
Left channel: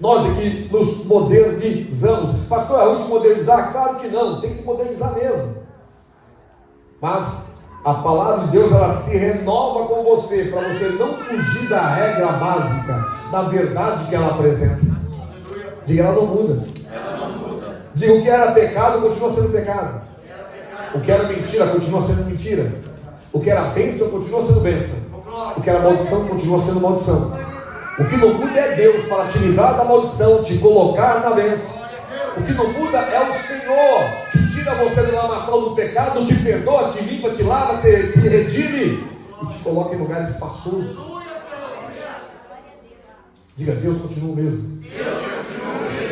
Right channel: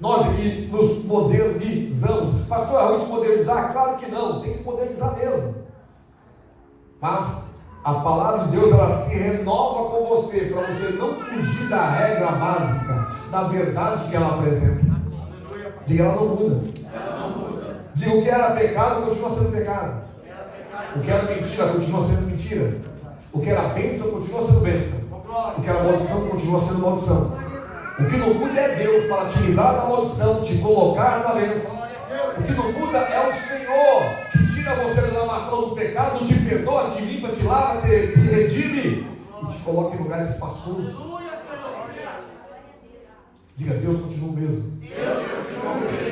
nós é que nos modernizamos. Pastor, é ruim se modernizar? Claro que não, tem que se modernizar mesmo. Mas a palavra de Deus, ela se renova com você, para você não fugir da regra básica, da verdade que ela apresenta. Diga, ela não muda. Diga, o que era pecado continua sendo pecado. O que era mentira continua sendo mentira. O que era bênção continua sendo bênção. O que era maldição continua sendo maldição. O que não muda é Deus para te livrar da maldição, te colocar na bênção. O que não muda é o Senhor, que tira você da lamaçal do pecado, te perdoa, te limpa, te lava, te redime e te coloca em lugar espaçoso. Diga, Deus continua o mesmo.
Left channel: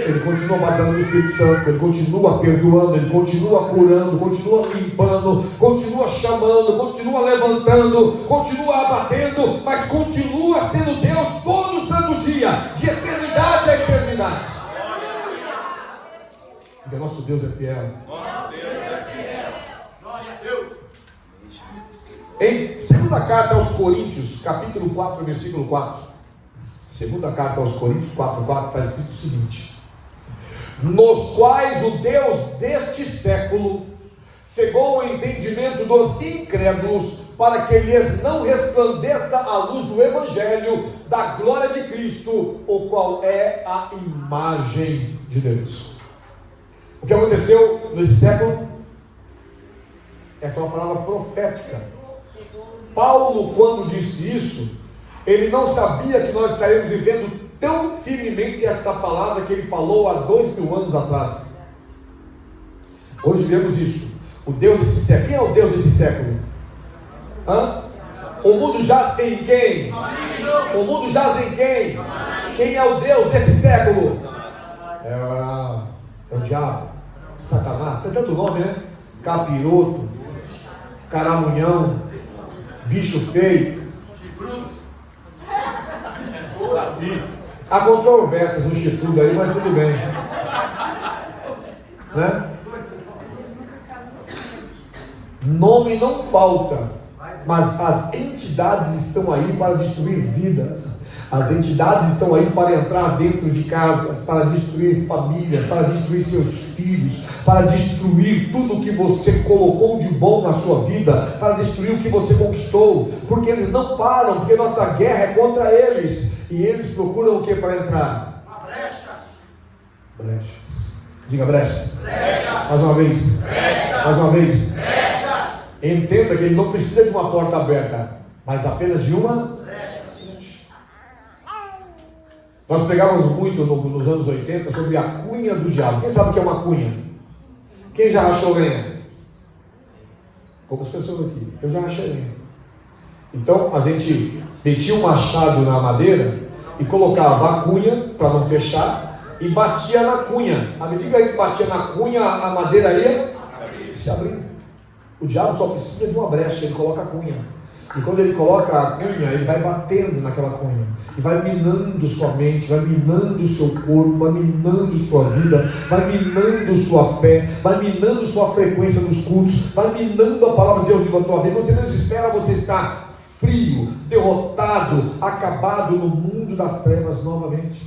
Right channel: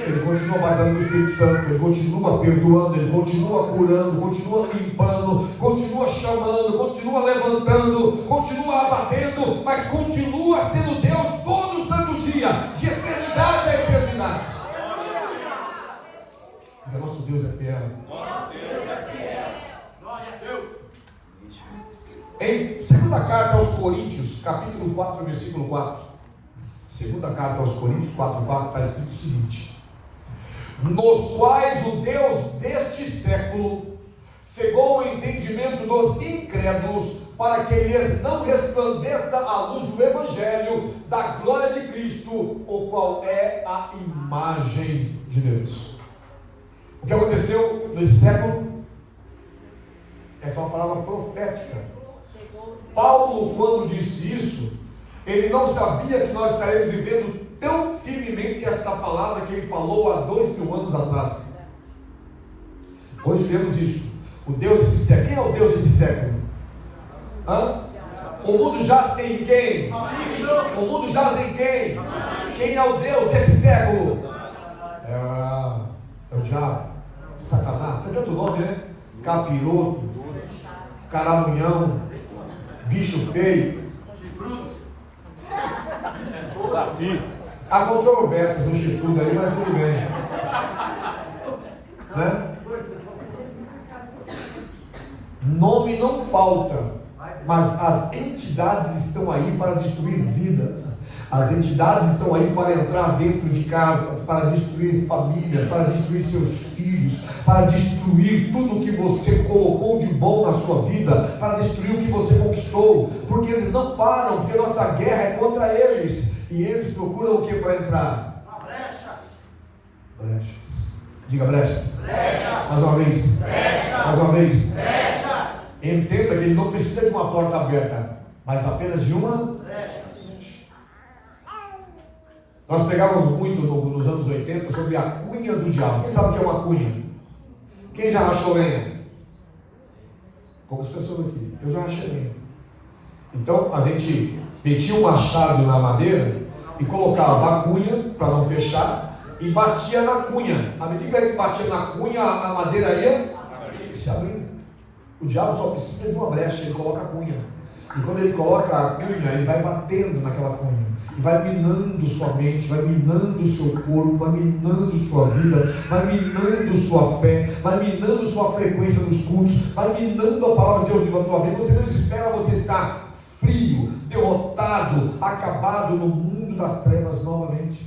Ele continua baseando no Espírito Santo, Ele continua perdoando, Ele continua curando, continua limpando, continua chamando, continua levantando, continua abatendo, mas continua sendo Deus todo santo dia, de eternidade a eternidade. Porque nosso Deus é fiel. Glória a Deus. Em segunda carta aos Coríntios, capítulo 4, versículo 4. Segunda carta aos Coríntios 4:4 está escrito o seguinte: nos quais o Deus deste século cegou o entendimento dos incrédulos, para que lhes não resplandeça a luz do Evangelho da glória de Cristo, o qual é a imagem de Deus. O que aconteceu nesse século? Essa é uma palavra profética. Paulo, quando disse isso, ele não sabia que nós estaríamos vivendo tão firmemente esta palavra que ele falou há 2000 anos atrás. Hoje vemos isso. O Deus desse século. Quem é o Deus desse século? O mundo jaz em quem? O mundo jaz em quem? Quem é o Deus desse século? É o diabo, Satanás. Tem tanto nome, né? Capiroto, caramunhão, bicho feio. Há controvérsias no chifrudo aí, mas tudo bem. Né? Nome não falta, mas as entidades estão aí para destruir vidas. As entidades estão aí para entrar dentro de casas, para destruir famílias, para destruir seus filhos, para destruir tudo que você colocou de bom na sua vida, para destruir o que você conquistou, porque eles não param, porque nossa guerra é contra eles, e eles procuram o que para entrar? Brechas. Brechas. Diga brechas. Brechas. Mais uma vez. Brechas. Mais uma vez. Brechas. Entenda que ele não precisa de uma porta aberta, mas apenas de uma. Nós pegávamos muito nos anos 80 sobre a cunha do diabo. Quem sabe o que é uma cunha? Quem já rachou lenha? Poucas pessoas aqui. Eu já rachei lenha. Então a gente metia um machado na madeira e colocava a cunha para não fechar e batia na cunha. À medida que batia na cunha, a madeira ia se abrindo. O diabo só precisa de uma brecha, ele coloca a cunha. E quando ele coloca a cunha, ele vai batendo naquela cunha. E vai minando sua mente, vai minando seu corpo, vai minando sua vida, vai minando sua fé, vai minando sua frequência nos cultos, vai minando a palavra de Deus na tua vida. Você não espera você estar frio, derrotado, acabado no mundo das trevas novamente.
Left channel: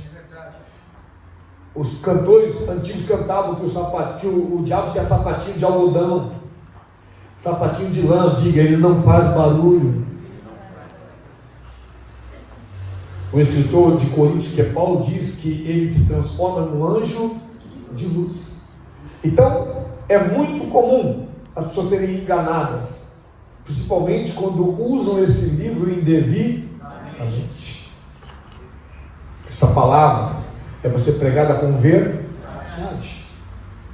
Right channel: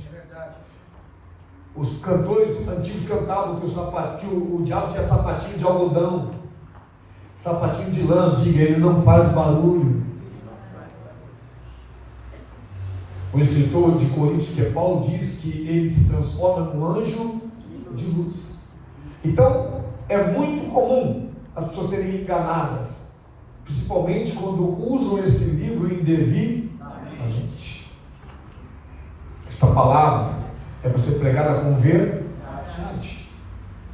Os cantores antigos cantavam que o diabo tinha sapatinho de algodão, sapatinho de lã. Diga, ele não faz barulho. O escritor de Coríntios, que é Paulo, diz que ele se transforma num anjo de luz. Então, é muito comum as pessoas serem enganadas, principalmente quando usam esse livro indevidamente. Essa palavra é você pregada com verdade.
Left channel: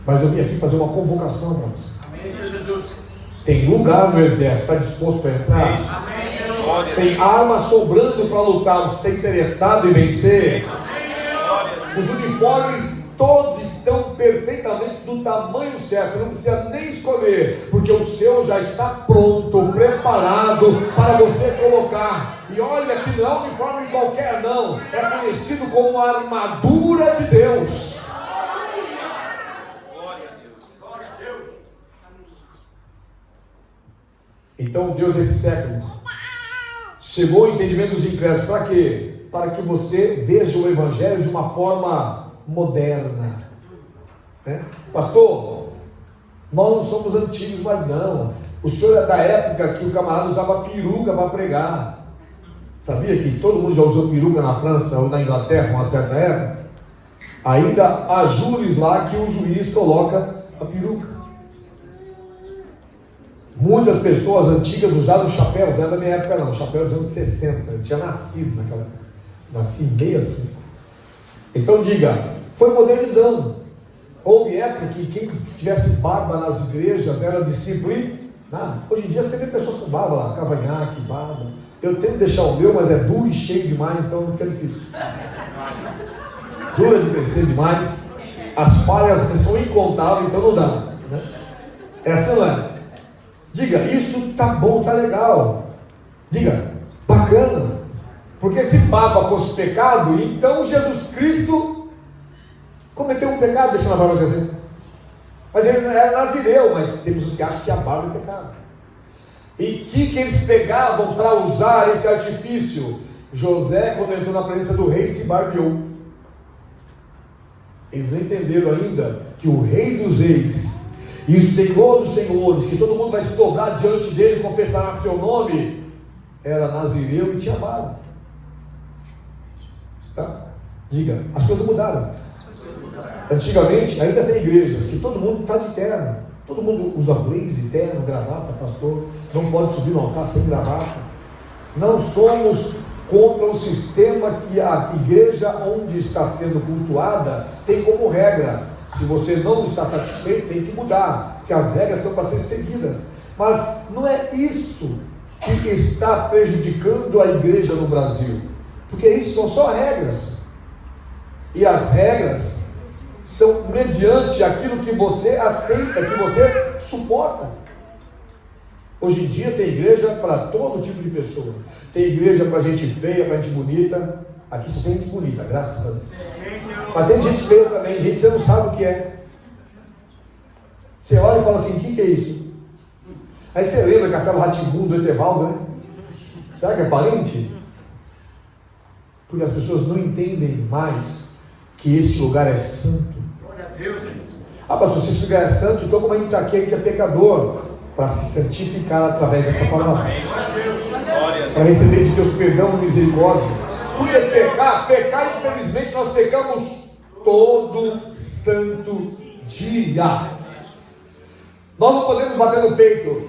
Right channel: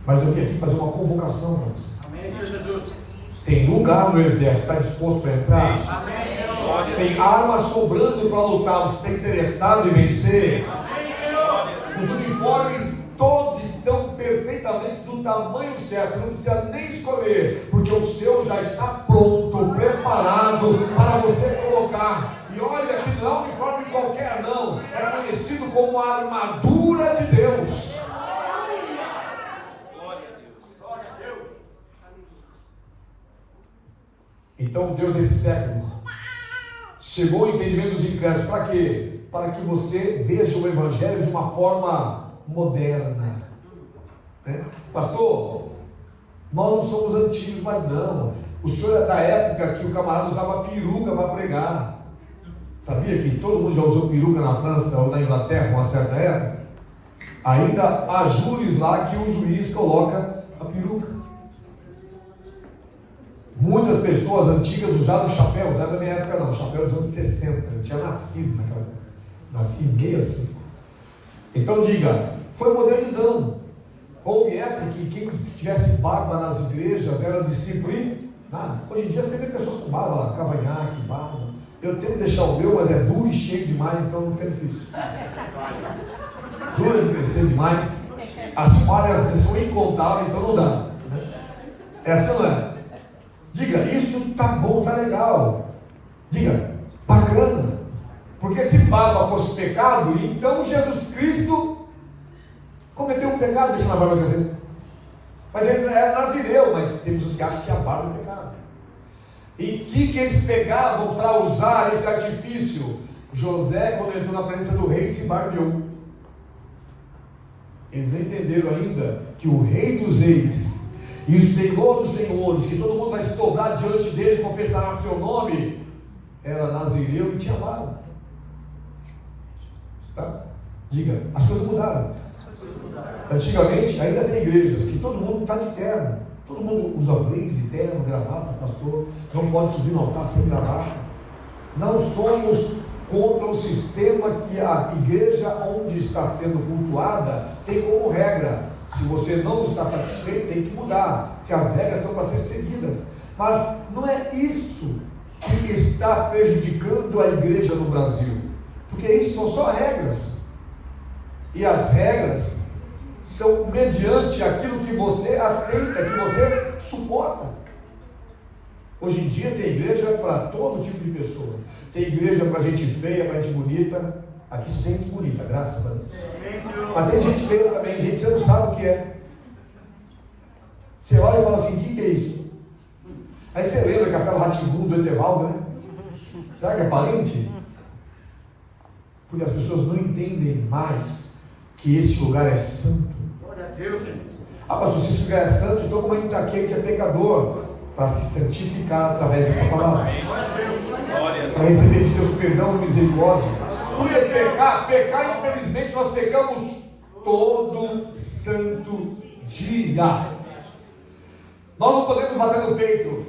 Mas eu vim aqui fazer uma convocação para você. Amém, Senhor Jesus. Tem lugar no exército, está disposto a entrar? Amém. Tem arma sobrando para lutar, você está interessado em vencer? Os uniformes todos estão perfeitamente do tamanho certo. Você não precisa nem escolher, porque o seu já está pronto, preparado para você colocar. E olha que não é um uniforme qualquer não, é conhecido como a armadura de Deus. Então Deus desse século chegou ao entendimento dos incrédulos. Para quê? Para que você veja o Evangelho de uma forma moderna. Pastor, nós não somos antigos, mas não. O senhor é da época que o camarada usava peruca para pregar. Sabia que todo mundo já usou peruca na França ou na Inglaterra numa certa época? Ainda há júris lá que o juiz coloca a peruca. Muitas pessoas antigas usaram chapéu, não é da minha época não, chapéu dos anos 60, eu tinha nascido naquela época, nasci meio assim. Então diga, foi modernidade. Houve época que quem tivesse barba nas igrejas era discípulo e não. Hoje em dia você vê pessoas com barba lá, cavanhaque, barba. Eu tento deixar o meu, mas é duro e cheio demais, então não fica difícil. Dura de crescer demais, as falhas são incontáveis, então não dá. Né? Essa não é. Diga, isso tá bom, tá legal. Diga, bacana. Porque se barba fosse pecado, então Jesus Cristo cometeu um pecado, deixa a barba crescer. Mas ele não era nazireu, mas temos os que acham que a barba é pecado. E que eles pegavam para usar esse artifício? José, quando entrou na presença do rei, se barbeou. Eles não entenderam ainda que o rei dos reis e o Senhor dos senhores, que todo mundo vai se dobrar diante dele e confessará seu nome, era nazireu e tinha barba. Tá? Diga, as coisas mudaram. Antigamente, ainda tem igrejas que todo mundo está de terno. Todo mundo usa blaze, terno, gravata, pastor. Não pode subir no altar sem gravata. Não somos contra o sistema que a igreja onde está sendo cultuada tem como regra. Se você não está satisfeito, tem que mudar, porque as regras são para serem seguidas. Mas não é isso que está prejudicando a igreja no Brasil, porque isso são só regras, e as regras são mediante aquilo que você aceita, que você suporta. Hoje em dia tem igreja para todo tipo de pessoa. Tem igreja para gente feia, para gente bonita. Aqui só tem gente bonita, graças a Deus. Mas tem gente feia também, gente que você não sabe o que é. Você olha e fala assim, o que é isso? Aí você lembra Castelo Rá-Tim-Bum do Etevaldo, né? Será que é parente? Porque as pessoas não entendem mais que esse lugar é santo. Pastor, se esse lugar é santo, então como a gente está aqui, a gente é pecador. Para se santificar através dessa palavra. Para receber de Deus perdão e misericórdia. Porque pecar, infelizmente, nós pecamos todo santo dia. Nós não podemos bater no peito.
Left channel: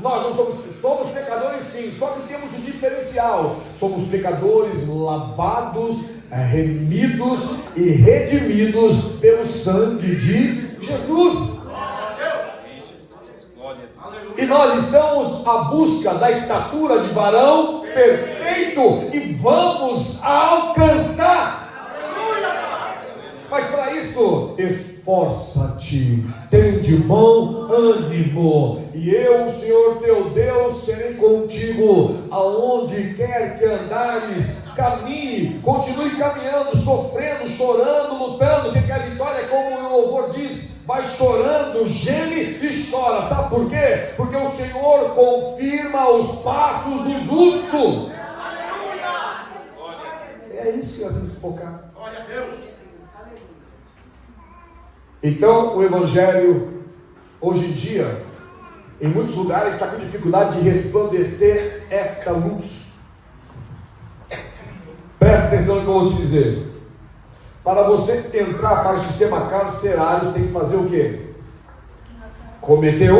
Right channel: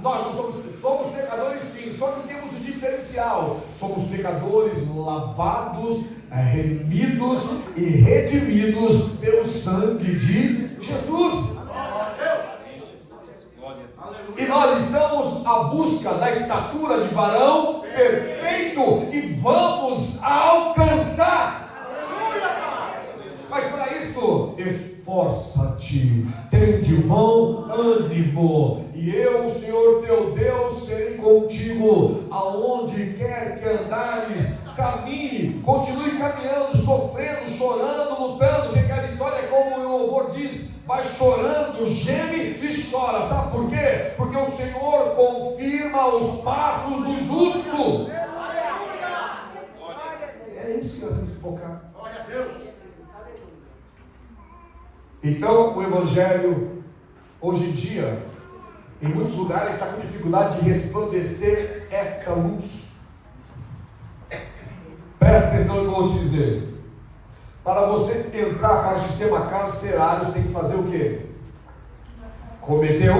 Nós não somos pecadores sim, só que temos um diferencial. Somos pecadores lavados, remidos e redimidos pelo sangue de Jesus. E nós estamos à busca da estatura de varão perfeito e vamos alcançar. Mas para isso, esforça-te, tem de bom ânimo, e eu, o Senhor teu Deus, serei contigo, aonde quer que andares, caminhe, continue caminhando, sofrendo, chorando, lutando, porque a vitória, como o louvor diz, vai chorando, geme e chora. Sabe por quê? Porque o Senhor confirma os passos do justo. É isso que nós temos que focar. Glória a Deus. Então, o Evangelho, hoje em dia, em muitos lugares, está com dificuldade de resplandecer esta luz. Presta atenção no que eu vou te dizer. Para você entrar para o sistema carcerário, você tem que fazer o quê? Cometer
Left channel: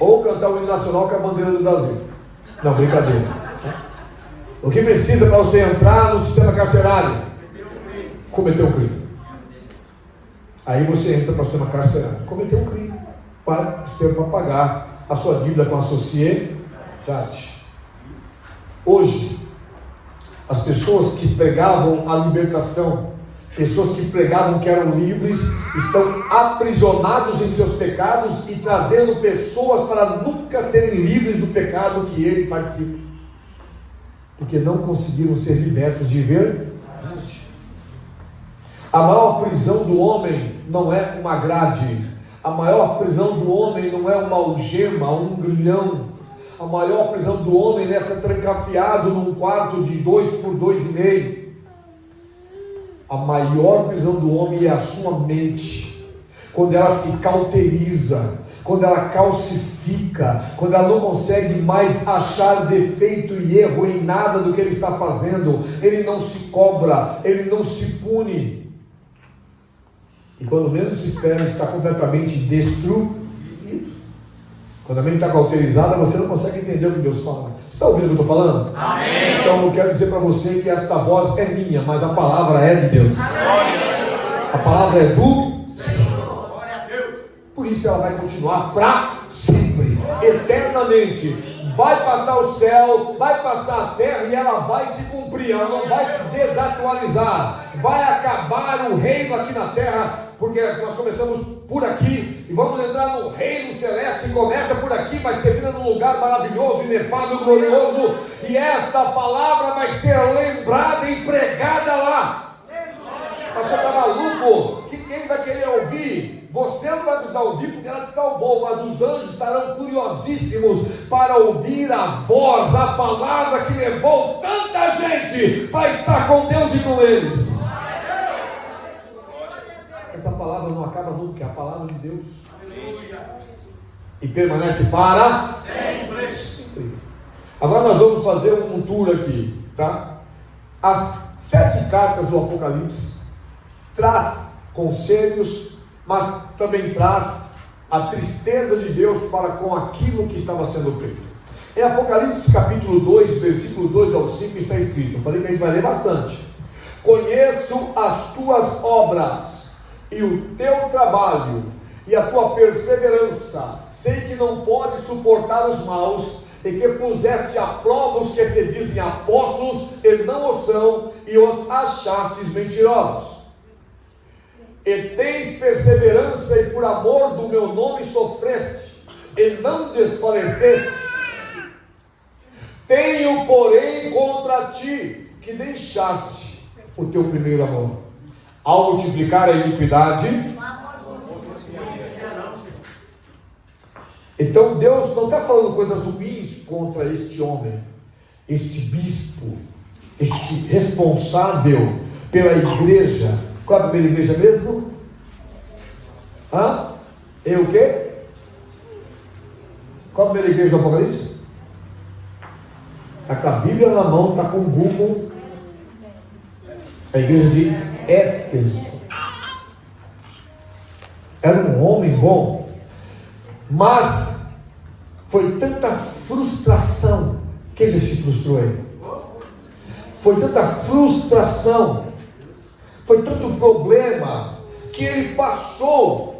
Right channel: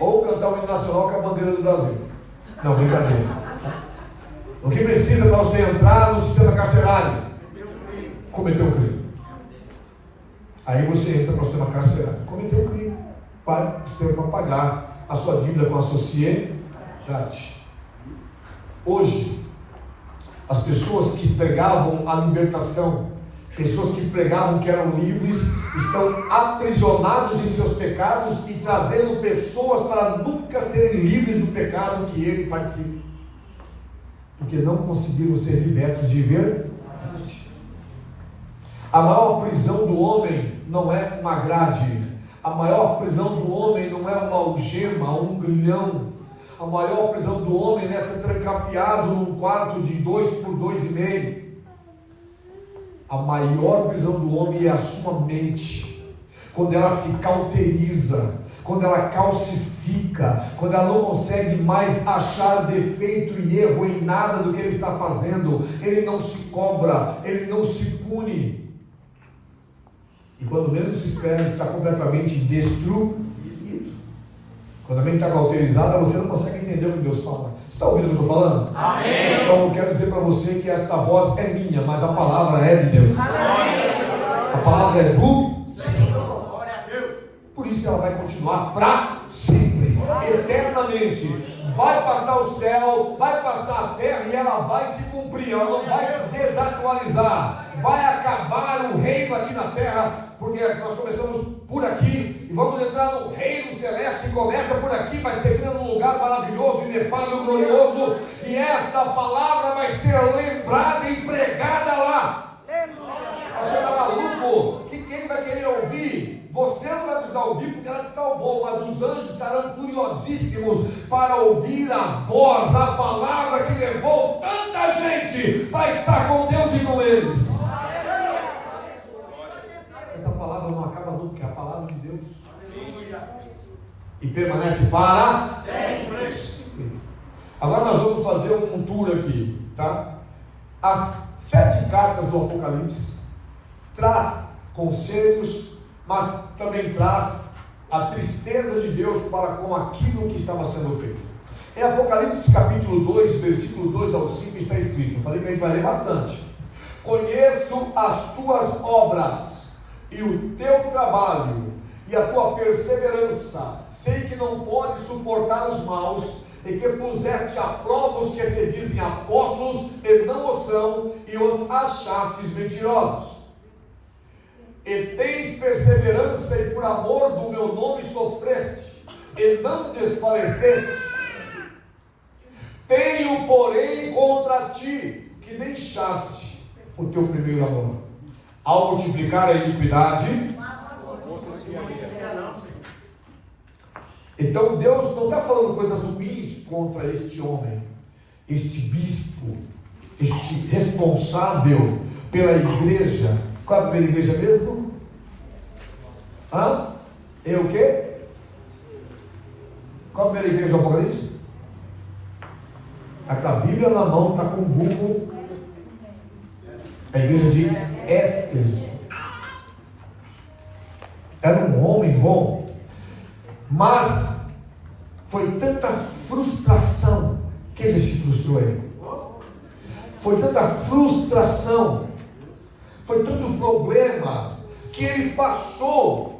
ou cantar o hino nacional com a bandeira do Brasil. Não, brincadeira. O que precisa para você entrar no sistema carcerário? Cometer um crime. Aí você entra para o sistema carcerário. Cometer um crime. Para o sistema pagar a sua dívida com a sociedade. Hoje, as pessoas que pregavam a libertação Pessoas que pregavam que eram livres estão aprisionados em seus pecados e trazendo pessoas para nunca serem livres do pecado que ele participa, porque não conseguiram ser libertos de verdade. A maior prisão do homem não é uma grade, a maior prisão do homem não é uma algema, um grilhão. A maior prisão do homem não é ser trancafiado num quarto de 2 por 2,5. A maior prisão do homem é a sua mente, quando ela se cauteriza, quando ela calcifica, quando ela não consegue mais achar defeito e erro em nada do que ele está fazendo. Ele não se cobra, ele não se pune, e quando menos se espera, ele está completamente destruído. Quando a mente está cauterizada, você não consegue entender o que Deus fala. Você está ouvindo o que eu estou falando? Amém. Então eu quero dizer para você que esta voz é minha, mas a palavra é de Deus. Amém. A palavra é do Senhor. Por isso ela vai continuar para sempre, eternamente. Vai passar o céu, vai passar a terra e ela vai se cumprir, ela não vai se desatualizar. Vai acabar o reino aqui na terra, porque nós começamos por aqui e vamos entrar no reino celeste que começa por aqui, mas termina num lugar maravilhoso, inefável, glorioso, e esta palavra vai ser lembrada e pregada lá. Pastor, está maluco? Que quem vai querer ouvir? Você não vai precisar ouvir porque ela te salvou, mas os anjos estarão curiosíssimos para ouvir a voz, a palavra que levou tanta gente para estar com Deus e com eles. Essa palavra não acaba nunca, é a palavra de Deus. E permanece para sempre. Agora nós vamos fazer um tour aqui, tá? As 7 cartas do Apocalipse traz conselhos, mas também traz a tristeza de Deus para com aquilo que estava sendo feito. Em Apocalipse capítulo 2, versículo 2 ao 5 está escrito, eu falei que a gente vai ler bastante: conheço as tuas obras e o teu trabalho e a tua perseverança, sei que não podes suportar os maus, e que puseste à prova os que se dizem apóstolos e não o são, e os achastes mentirosos. E tens perseverança, e por amor do meu nome sofreste, e não desfaleceste. Tenho, porém, contra ti que deixaste o teu primeiro amor. Ao multiplicar a iniquidade, então Deus não está falando coisas ruins contra este homem, este bispo, este responsável pela igreja. Qual é a primeira igreja mesmo? É o quê? Qual a primeira igreja do Apocalipse? Está com a Bíblia na mão, está com o Google. A igreja de Éfeso. Era um homem bom, mas foi tanta frustração que ele se frustrou aí. Foi tanta frustração, foi tanto problema, que ele passou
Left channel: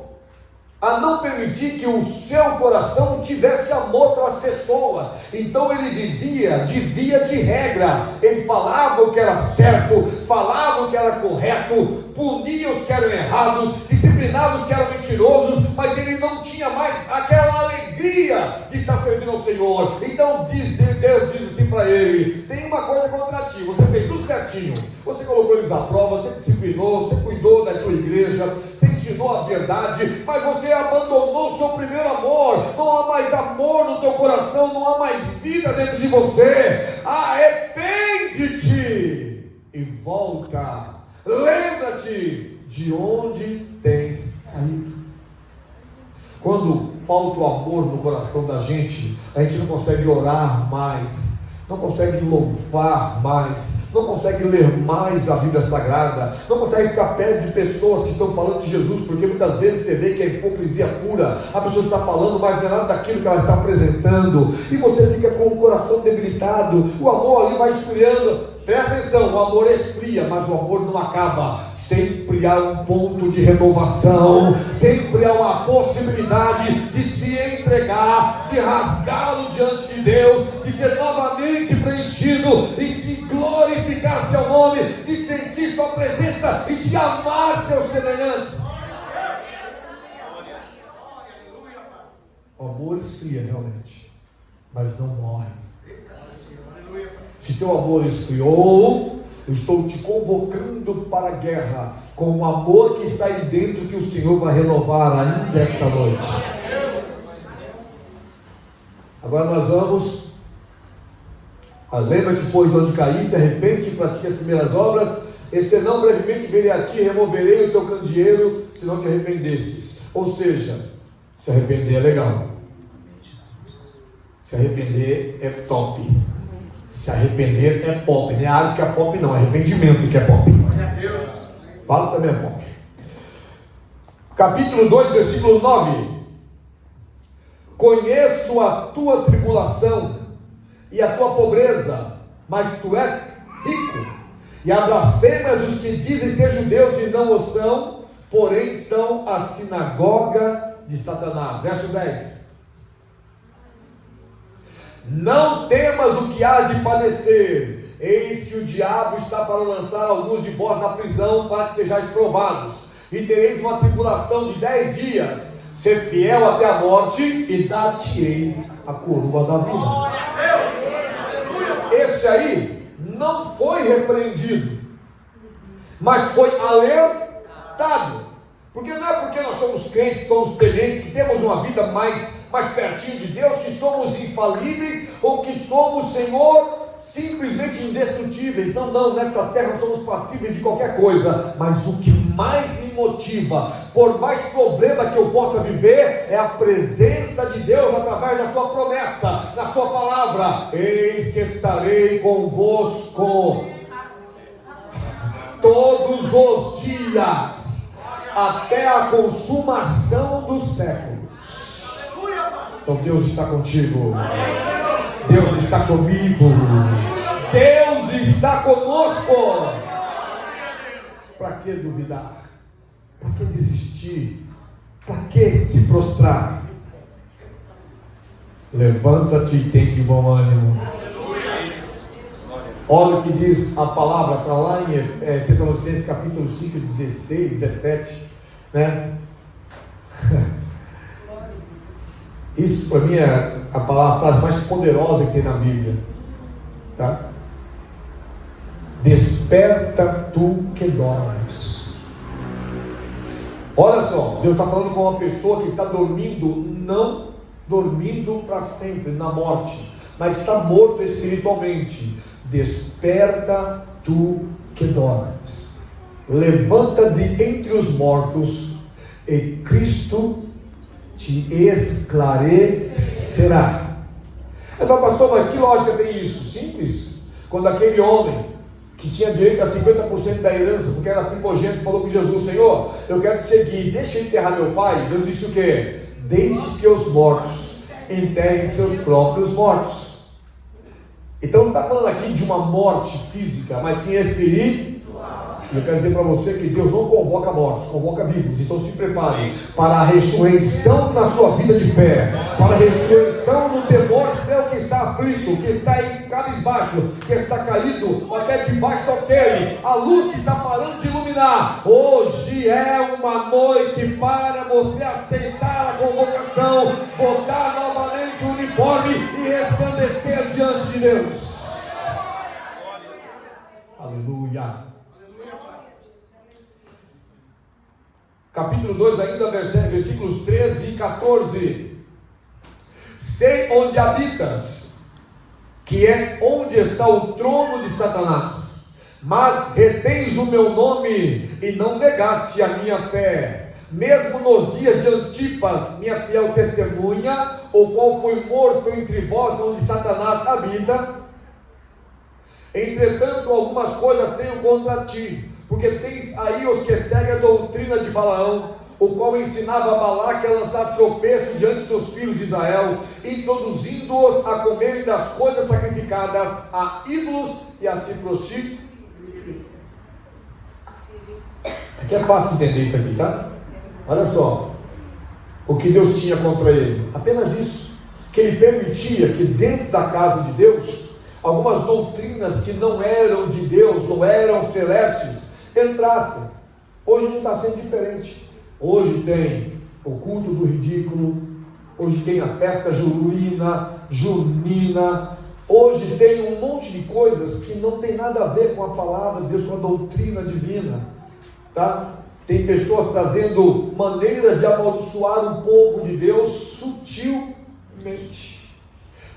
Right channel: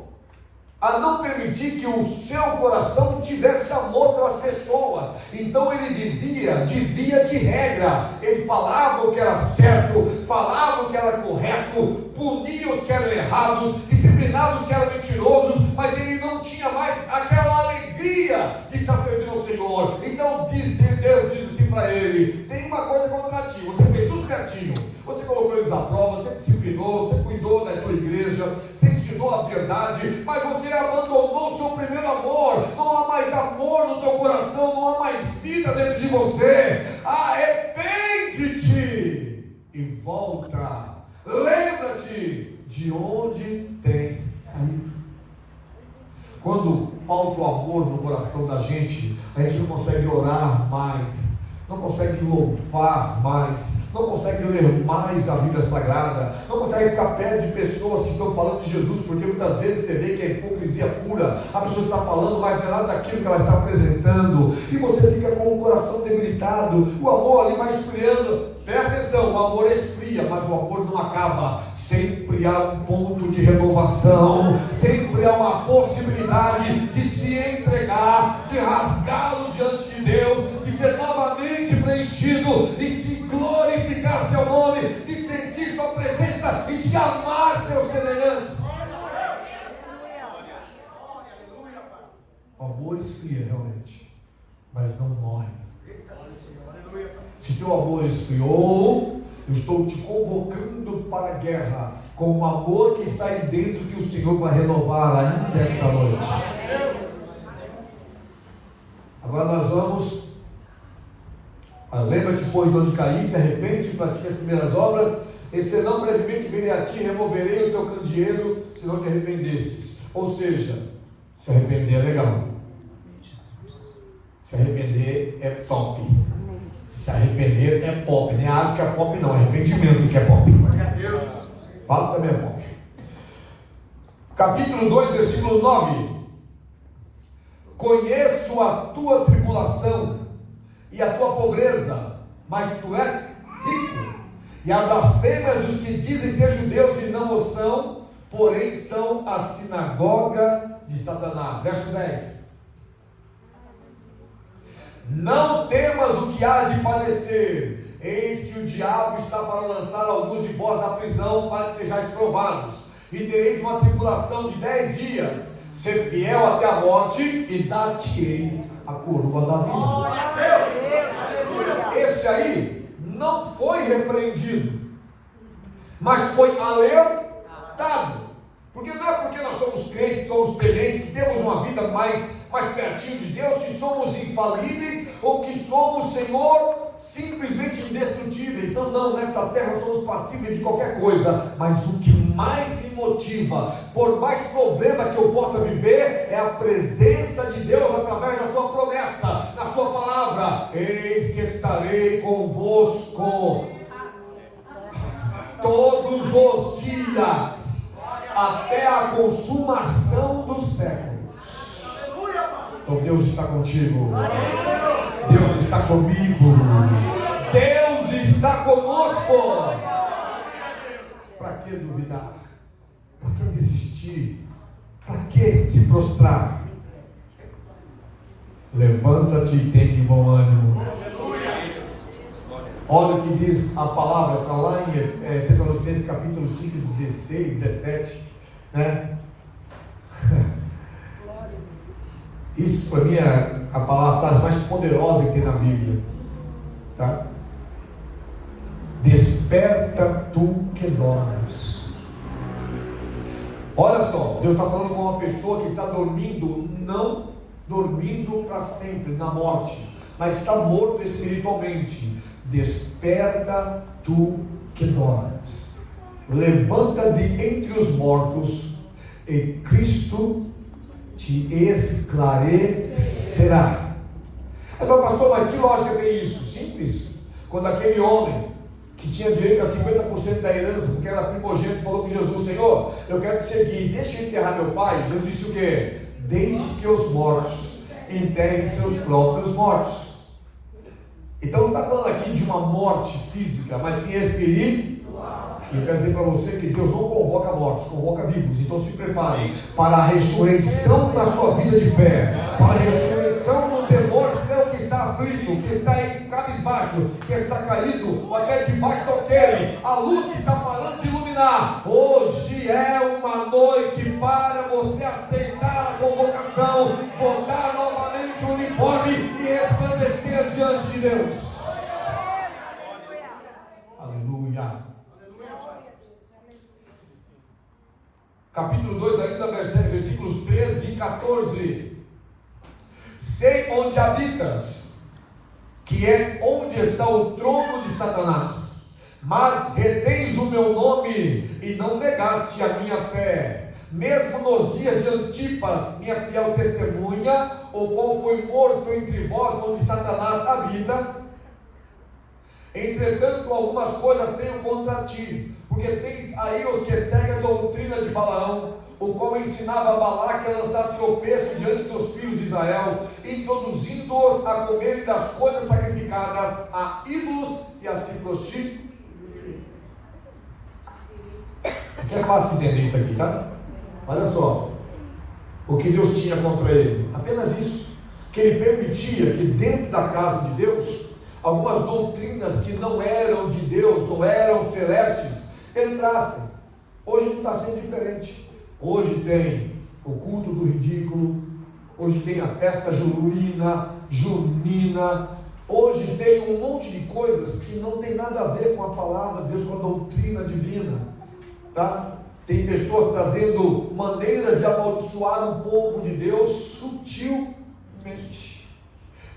a não permitir que o seu coração tivesse amor pelas pessoas. Então ele vivia de regra. Ele falava o que era certo, falava o que era correto, punia os que eram errados, disciplinava os que eram mentirosos, mas ele não tinha mais aquela alegria de estar servindo ao Senhor. Então Deus diz assim para ele: tem uma coisa contra ti, você fez tudo certinho, você colocou eles à prova, você disciplinou, você cuidou da tua igreja, você ensinou a verdade, mas você abandonou o seu primeiro amor. Não há mais amor no teu coração, não há mais vida dentro de você. Arrepende-te e volta. Lembra-te de onde tens caído. Quando falta o amor no coração da gente, a gente não consegue orar mais, não consegue louvar mais, não consegue ler mais a Bíblia Sagrada, não consegue ficar perto de pessoas que estão falando de Jesus, porque muitas vezes você vê que é hipocrisia pura. A pessoa está falando, mas não é nada daquilo que ela está apresentando, e você fica com o coração debilitado. O amor ali vai esfriando. Presta atenção, o amor esfria, mas o amor não acaba. Sempre há um ponto de renovação, sempre há uma possibilidade de se entregar pegar, de rasgá-lo diante de Deus, de ser novamente preenchido e de glorificar seu nome, de sentir sua presença e de amar seus semelhantes. O amor esfria realmente, mas não morre. Se teu amor esfriou, eu estou te convocando para a guerra com o amor que está aí dentro, que o Senhor vai renovar ainda esta noite. Agora nós vamos. Lembra-te, pois, de onde caíste, arrepende-te e pratique as primeiras obras, e senão brevemente virei a ti, removerei o teu candeeiro, se não te arrependesses. Ou seja, se arrepender é legal. Se arrepender é top. Se arrepender é pop. Não é algo que é pop, não. É arrependimento que é pop. Fala também é pop. Capítulo 2, versículo 9. Conheço a tua tribulação e a tua pobreza, mas tu és rico. E a blasfêmia dos que dizem ser judeus e não o são, porém são a sinagoga de Satanás. Verso 10. Não temas o que hás de padecer, eis que o diabo está para lançar alguns de vós na prisão, para que sejais provados, e tereis uma tribulação de 10 dias, ser fiel até a morte, e dar-te-ei a coroa da vida. Esse aí não foi repreendido, mas foi alertado. Porque não é porque nós somos crentes, somos tementes, que temos uma vida mais pertinho de Deus, que somos infalíveis, ou que somos, Senhor, simplesmente indestrutíveis. Não, nesta terra somos passíveis de qualquer coisa, mas o que mais me motiva, por mais problema que eu possa viver, é a presença de Deus através da sua promessa, da sua palavra. Eis que estarei convosco todos os dias, até a consumação dos séculos. Então Deus está contigo, Deus está comigo, Deus está conosco. Para que duvidar? Para que desistir? Para que se prostrar? Levanta-te e tem de bom ânimo. Olha o que diz a palavra, está lá em Tessalonicenses capítulo 5, 16, 17, né? Isso para mim é a frase mais poderosa que tem na Bíblia, tá? Desperta tu que dormes. Olha só, Deus está falando com uma pessoa que está dormindo, não dormindo para sempre na morte, mas está morto espiritualmente. Desperta tu que dormes, levanta de entre os mortos, e Cristo te esclarecerá. Agora, pastor, mas que lógica tem isso? Simples. Quando aquele homem que tinha direito a 50% da herança, porque era primogênito, falou com Jesus: Senhor, eu quero te seguir, deixa eu enterrar meu pai. Jesus disse o quê? Deixe que os mortos enterrem seus próprios mortos. Então não está falando aqui de uma morte física, mas sim espiritual. E eu quero dizer para você que Deus não convoca mortos, convoca vivos. Então se prepare para a ressurreição na sua vida de fé, para a ressurreição no temor seu que está aflito, que está em cabisbaixo, que está caído até debaixo do alqueire, a luz que está parando de iluminar. Hoje é uma noite para você aceitar a convocação, botar novamente o uniforme e resplandecer diante de Deus. Aleluia. Capítulo 2, ainda versículos 13 e 14. Sei onde habitas, que é onde está o trono de Satanás, mas retens o meu nome e não negaste a minha fé, mesmo nos dias de Antipas, minha fiel testemunha, o qual foi morto entre vós, onde Satanás habita. Entretanto, algumas coisas tenho contra ti, porque tens aí os que seguem a doutrina de Balaão, o qual ensinava a Balaque a lançar tropeço diante dos filhos de Israel, introduzindo-os a comerem das coisas sacrificadas a ídolos e a se prostituir. Aqui é fácil entender isso aqui, tá? Olha só. o que Deus tinha contra ele? Apenas isso, que ele permitia que dentro da casa de Deus, algumas doutrinas que não eram de Deus, não eram celestes, entrassem. Hoje não está sendo diferente. Hoje tem o culto do ridículo, hoje tem a festa junina, hoje tem um monte de coisas que não tem nada a ver com a palavra de Deus, com a doutrina divina, tá? Tem pessoas trazendo maneiras de amaldiçoar o povo de Deus sutilmente.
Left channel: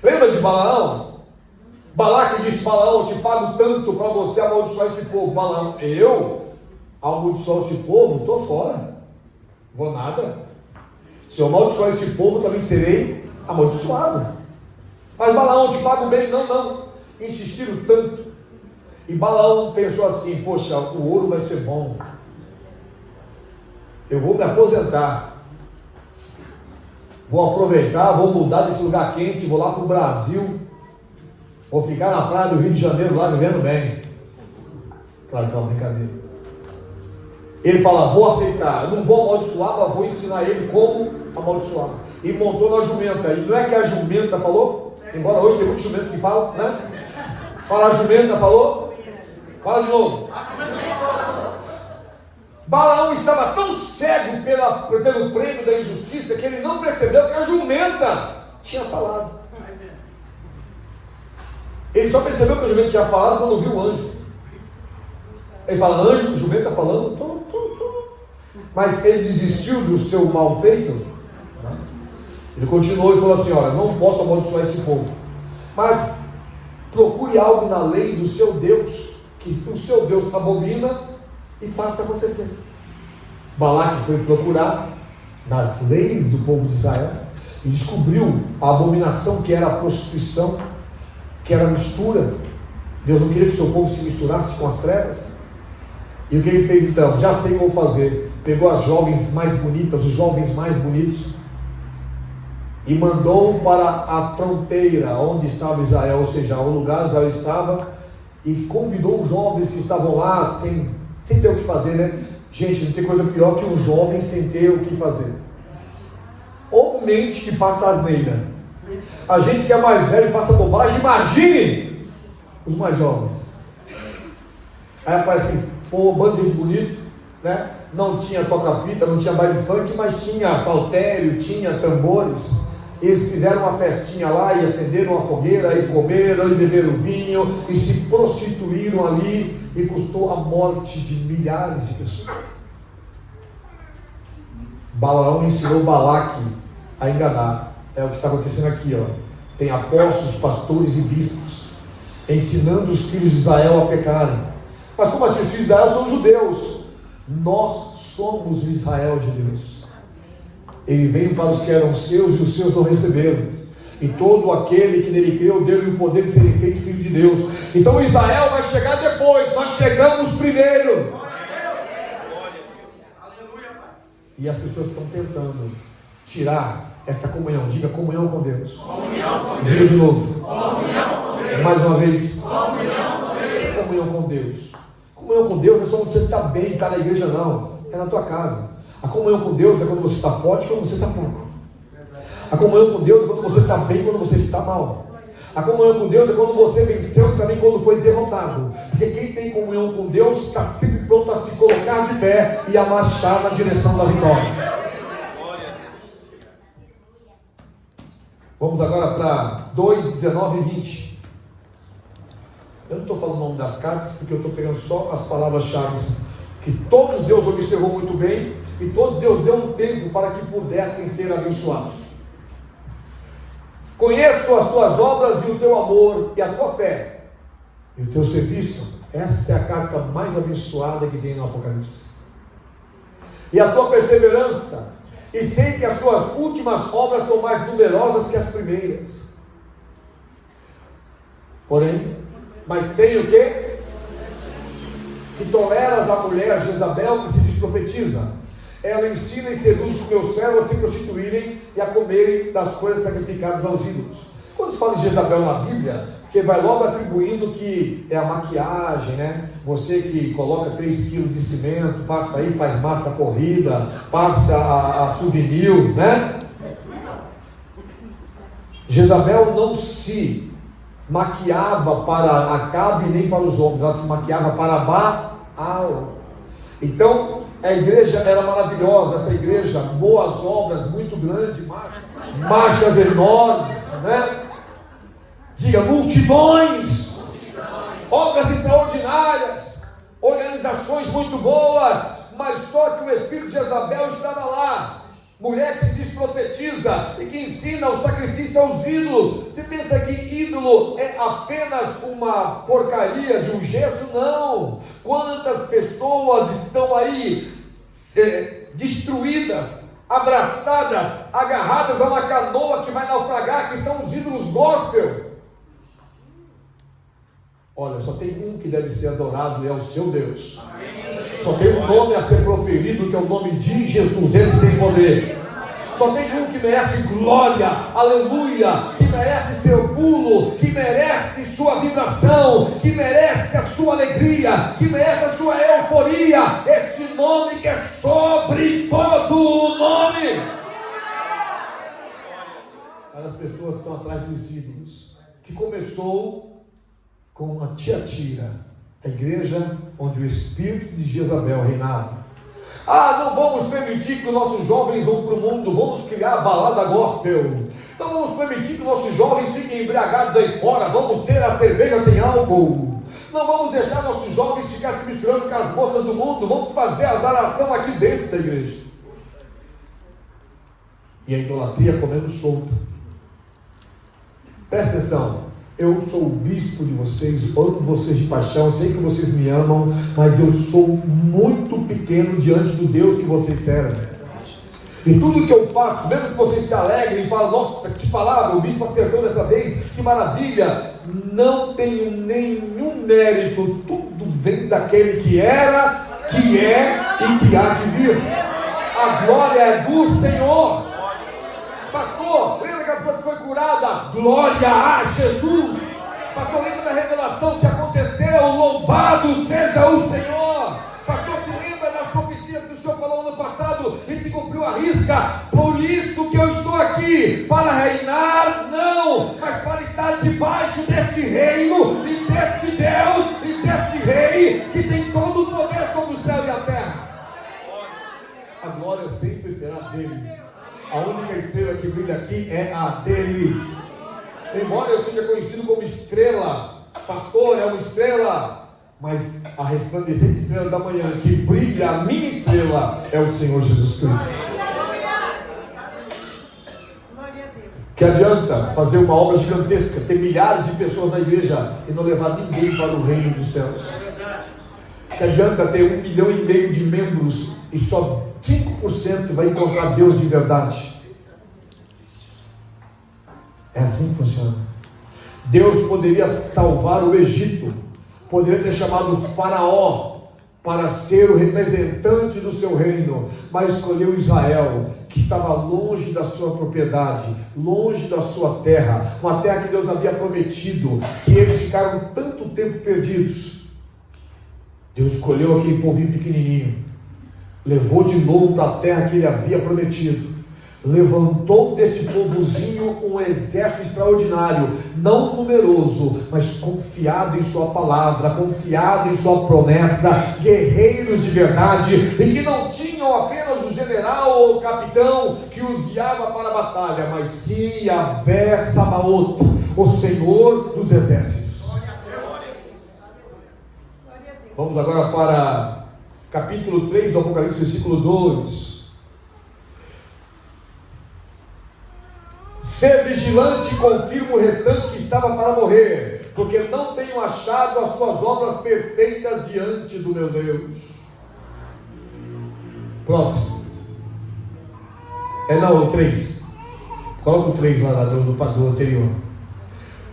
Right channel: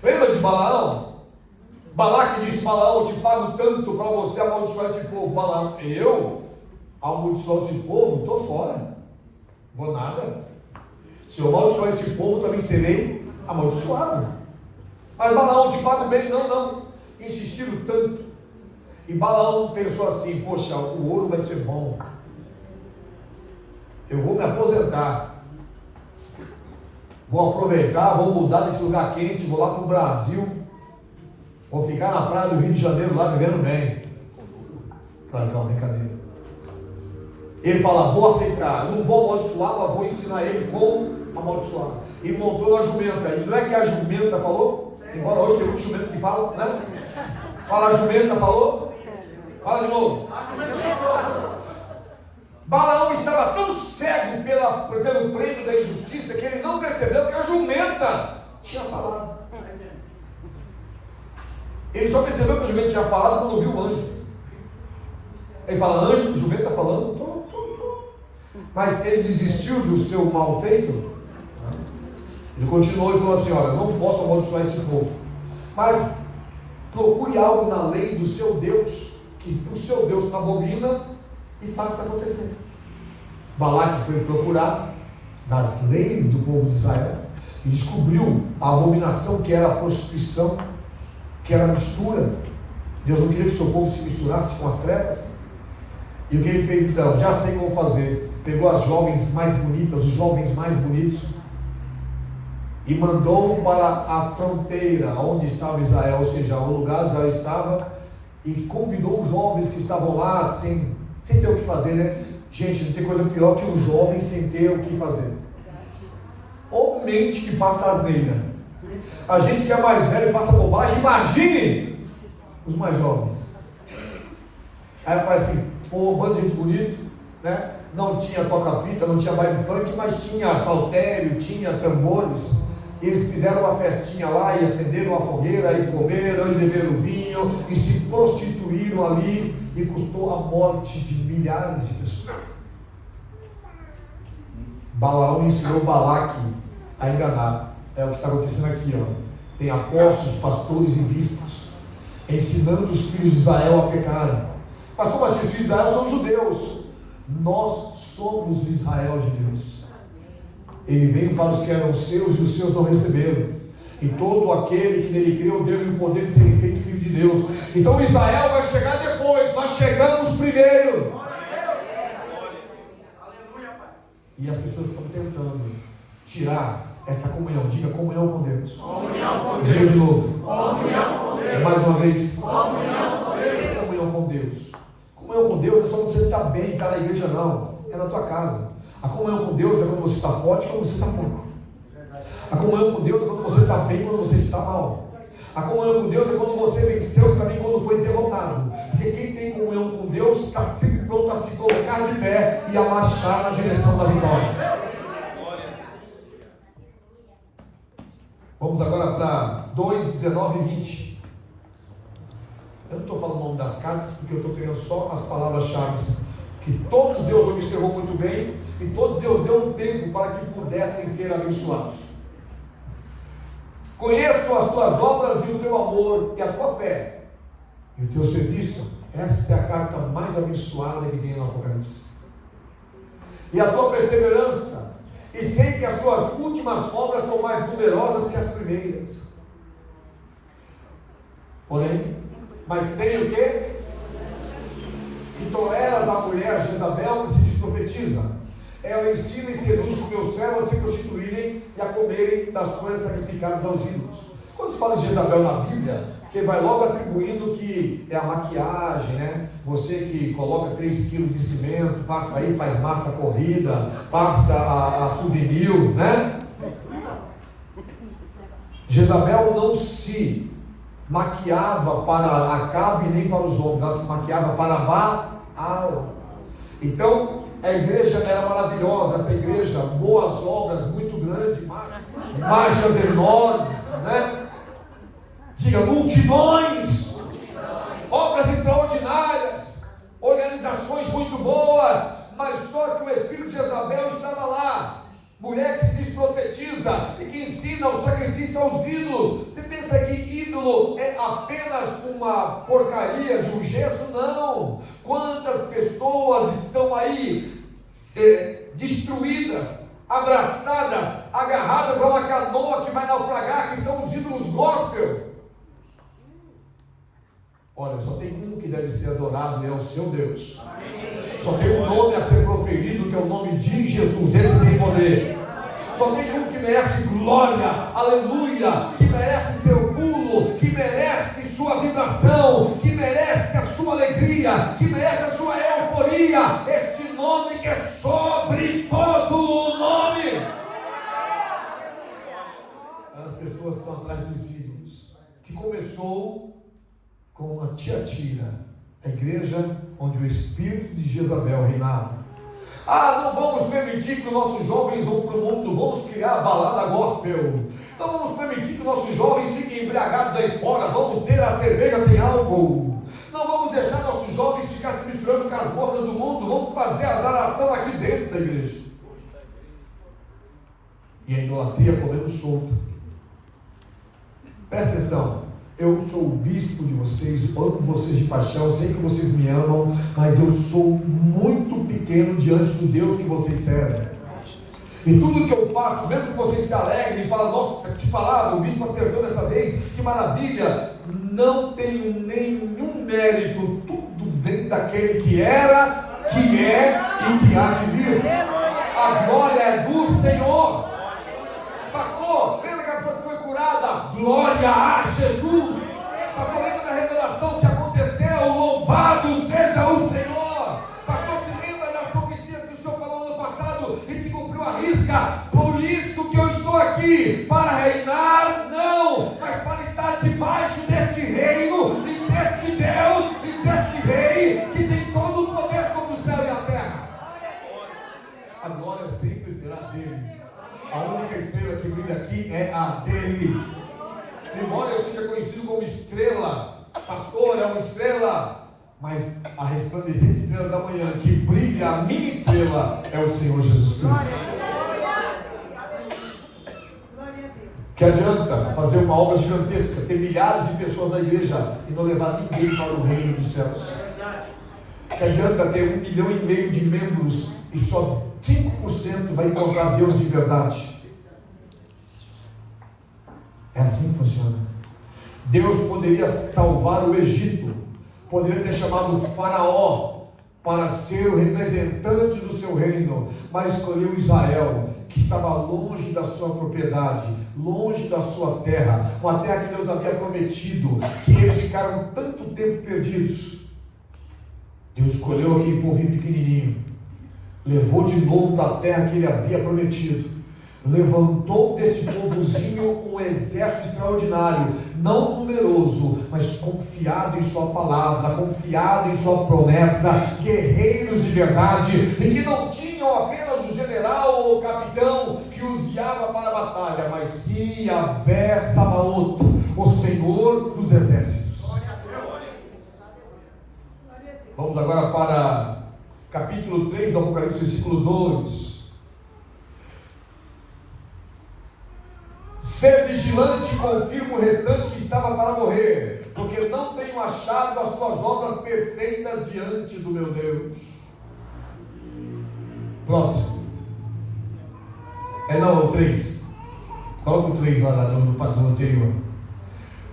Lembra de Balaão? Balaque disse: Balaão, eu te pago tanto para você amaldiçoar esse povo. Balaão: eu amaldiçoar esse povo? Estou fora, vou nada. Se eu amaldiçoar esse povo, também serei amaldiçoado. Mas Balaão, eu te pago bem. Não. Insistiram tanto. E Balaão pensou assim: poxa, o ouro vai ser bom, eu vou me aposentar, vou aproveitar, vou mudar desse lugar quente, vou lá para o Brasil, vou ficar na praia do Rio de Janeiro lá vivendo bem. Claro que é uma brincadeira. Ele fala: vou aceitar, eu não vou amaldiçoar, mas vou ensinar ele como amaldiçoar. E montou na jumenta. E não é que a jumenta falou? Embora hoje tem muito jumento que fala, né? Fala, a jumenta falou? Fala de novo. A jumenta falou. Balaão estava tão cego pelo prêmio da injustiça que ele não percebeu que a jumenta tinha falado. Ele só percebeu que a jumenta tinha falado quando ouviu o anjo. Ele fala: anjo, jumenta falando, mas ele desistiu do seu mal feito. Ele continuou e falou assim: olha, não posso amaldiçoar esse povo, mas procure algo na lei do seu Deus, que o seu Deus abomina, e faça acontecer. Balaque foi procurar nas leis do povo de Israel e descobriu a abominação que era a prostituição, que era a mistura. Deus não queria que o seu povo se misturasse com as trevas. E o que ele fez então? Já sei como fazer. Pegou as jovens mais bonitas, os jovens mais bonitos, e mandou para a fronteira onde estava Israel, ou seja, o lugar Israel estava, e convidou os jovens que estavam lá sem ter o que fazer, né? Gente, não tem coisa pior que um jovem sem ter o que fazer. Ou mente que passa asneira. A gente que é mais velho passa bobagem. Imagine os mais jovens. Aí aparece que, pô, bando de gente bonito, né? Não tinha toca-fita, não tinha baile funk, mas tinha saltério, tinha tambores. Eles fizeram uma festinha lá e acenderam uma fogueira, e comeram, e beberam vinho, e se prostituíram ali, e custou a morte de milhares de pessoas. Balaão ensinou Balaque a enganar. É o que está acontecendo aqui, ó. Tem apóstolos, pastores e bispos ensinando os filhos de Israel a pecarem. Mas como assim? Os filhos de Israel são judeus. Nós somos o Israel de Deus. Ele veio para os que eram seus e os seus não receberam. E todo aquele que nele creu, deu-lhe o poder de ser feito filho de Deus. Então Israel vai chegar depois, nós chegamos primeiro. E as pessoas estão tentando tirar essa comunhão. Diga: comunhão com Deus. Diga de novo. Mais uma vez. Comunhão com Deus. Comunhão com Deus não é só você estar bem, estar na igreja, não. É na tua casa. A comunhão com Deus é quando você está forte, quando você está fraco. A comunhão com Deus é quando você está bem, quando você está mal. A comunhão com Deus é quando você venceu e também quando foi derrotado. Porque quem tem comunhão com Deus está sempre pronto a se colocar de pé e a marchar na direção da vitória. Vamos agora para 2, 19 e 20. Eu não estou falando o nome das cartas, porque eu estou pegando só as palavras-chave que todos Deus observou muito bem, e todos Deus deu um tempo para que pudessem ser abençoados. Conheço as tuas obras e o teu amor e a tua fé e o teu serviço. Esta é a carta mais abençoada que tem no Apocalipse. E a tua perseverança, e sei que as tuas últimas obras são mais numerosas que as primeiras. Porém, mas tem o quê? Que toleras a mulher Jezabel, que se diz profetiza. Ela ensina e seduz os meus servos a se prostituírem e a comerem das coisas sacrificadas aos ídolos. Quando se fala de Jezabel na Bíblia, você vai logo atribuindo que é a maquiagem, né? Você que coloca 3 quilos de cimento, passa aí, faz massa corrida, passa a souvenir, né? Jezabel não se maquiava para Acabe nem para os homens, ela se maquiava para Baal. Então, a igreja era maravilhosa, essa igreja, boas obras, muito grande, marchas enormes, né? Diga, multidões, obras extraordinárias, organizações muito boas, mas só que o espírito de Jezabel estava lá. Mulher que se diz profetiza e que ensina o sacrifício aos ídolos. Você pensa que ídolo é apenas uma porcaria de um gesso? Não. Quantas pessoas estão aí destruídas, abraçadas, agarradas a uma canoa que vai naufragar, que são os ídolos gospel. Olha, só tem um que deve ser adorado e é o seu Deus. Só tem um nome a ser proferido, que é o nome de Jesus. Esse tem poder. Só tem um que merece glória, aleluia, que merece seu pulo, que merece sua vibração, que merece a sua alegria, que merece a sua euforia. Este nome que é sobre todo o nome. Para as pessoas que estão atrás dos ídolos, que começou com uma Tiatira, a igreja onde o espírito de Jezabel reinava. Não vamos permitir que os nossos jovens vão para o mundo, vamos criar a balada gospel. Não vamos permitir que os nossos jovens fiquem embriagados aí fora, vamos ter a cerveja sem álcool. Não vamos deixar nossos jovens ficar se misturando com as moças do mundo, vamos fazer a adoração aqui dentro da igreja. E a idolatria comendo solto. Presta atenção. Eu sou o bispo de vocês, amo vocês de paixão, sei que vocês me amam, mas eu sou muito pequeno diante do Deus que vocês servem. E tudo que eu faço, mesmo que vocês se alegrem e falem, nossa, que palavra, o bispo acertou dessa vez, que maravilha, não tenho nenhum mérito, tudo vem daquele que era, que é e que há de vir. A glória é do Senhor. Pastor, lembra que a pessoa que foi curada? Glória a Jesus. Pastor, lembra da revelação que aconteceu? Louvado seja o Senhor. Pastor, se lembra das profecias que o Senhor falou no passado e se cumpriu a risca? Por isso que eu estou aqui, para reinar, não, mas para estar debaixo deste reino e deste Deus e deste Rei que tem todo o poder sobre o céu e a terra. A glória sempre será dele. A única estrela que brilha aqui é a dele. Embora eu seja conhecido como estrela, pastor, é uma estrela, mas a resplandecente estrela da manhã que brilha, a minha estrela, é o Senhor Jesus Cristo. Que adianta fazer uma obra gigantesca, ter milhares de pessoas na igreja e não levar ninguém para o reino dos céus? Que adianta ter 1,5 milhão de membros e só 5% vai encontrar Deus de verdade? É assim que funciona. Deus poderia salvar o Egito, poderia ter chamado o Faraó para ser o representante do seu reino, mas escolheu Israel, que estava longe da sua propriedade, longe da sua terra, uma terra que Deus havia prometido, que eles ficaram tanto tempo perdidos. Deus escolheu aquele povinho pequenininho, levou de novo para a terra que ele havia prometido, levantou desse povozinho um exército extraordinário, não numeroso, mas confiado em sua palavra, confiado em sua promessa, guerreiros de verdade, e que não tinham apenas o general ou o capitão que os guiava para a batalha, mas sim Yahvé Sabaoth, o Senhor dos exércitos. Vamos agora para capítulo 3 do Apocalipse, versículo 2. Ser vigilante, confirma o restante que estava para morrer, porque não tenho achado as tuas obras perfeitas diante do meu Deus. Próximo. O 3. Coloca o 3 lá do anterior.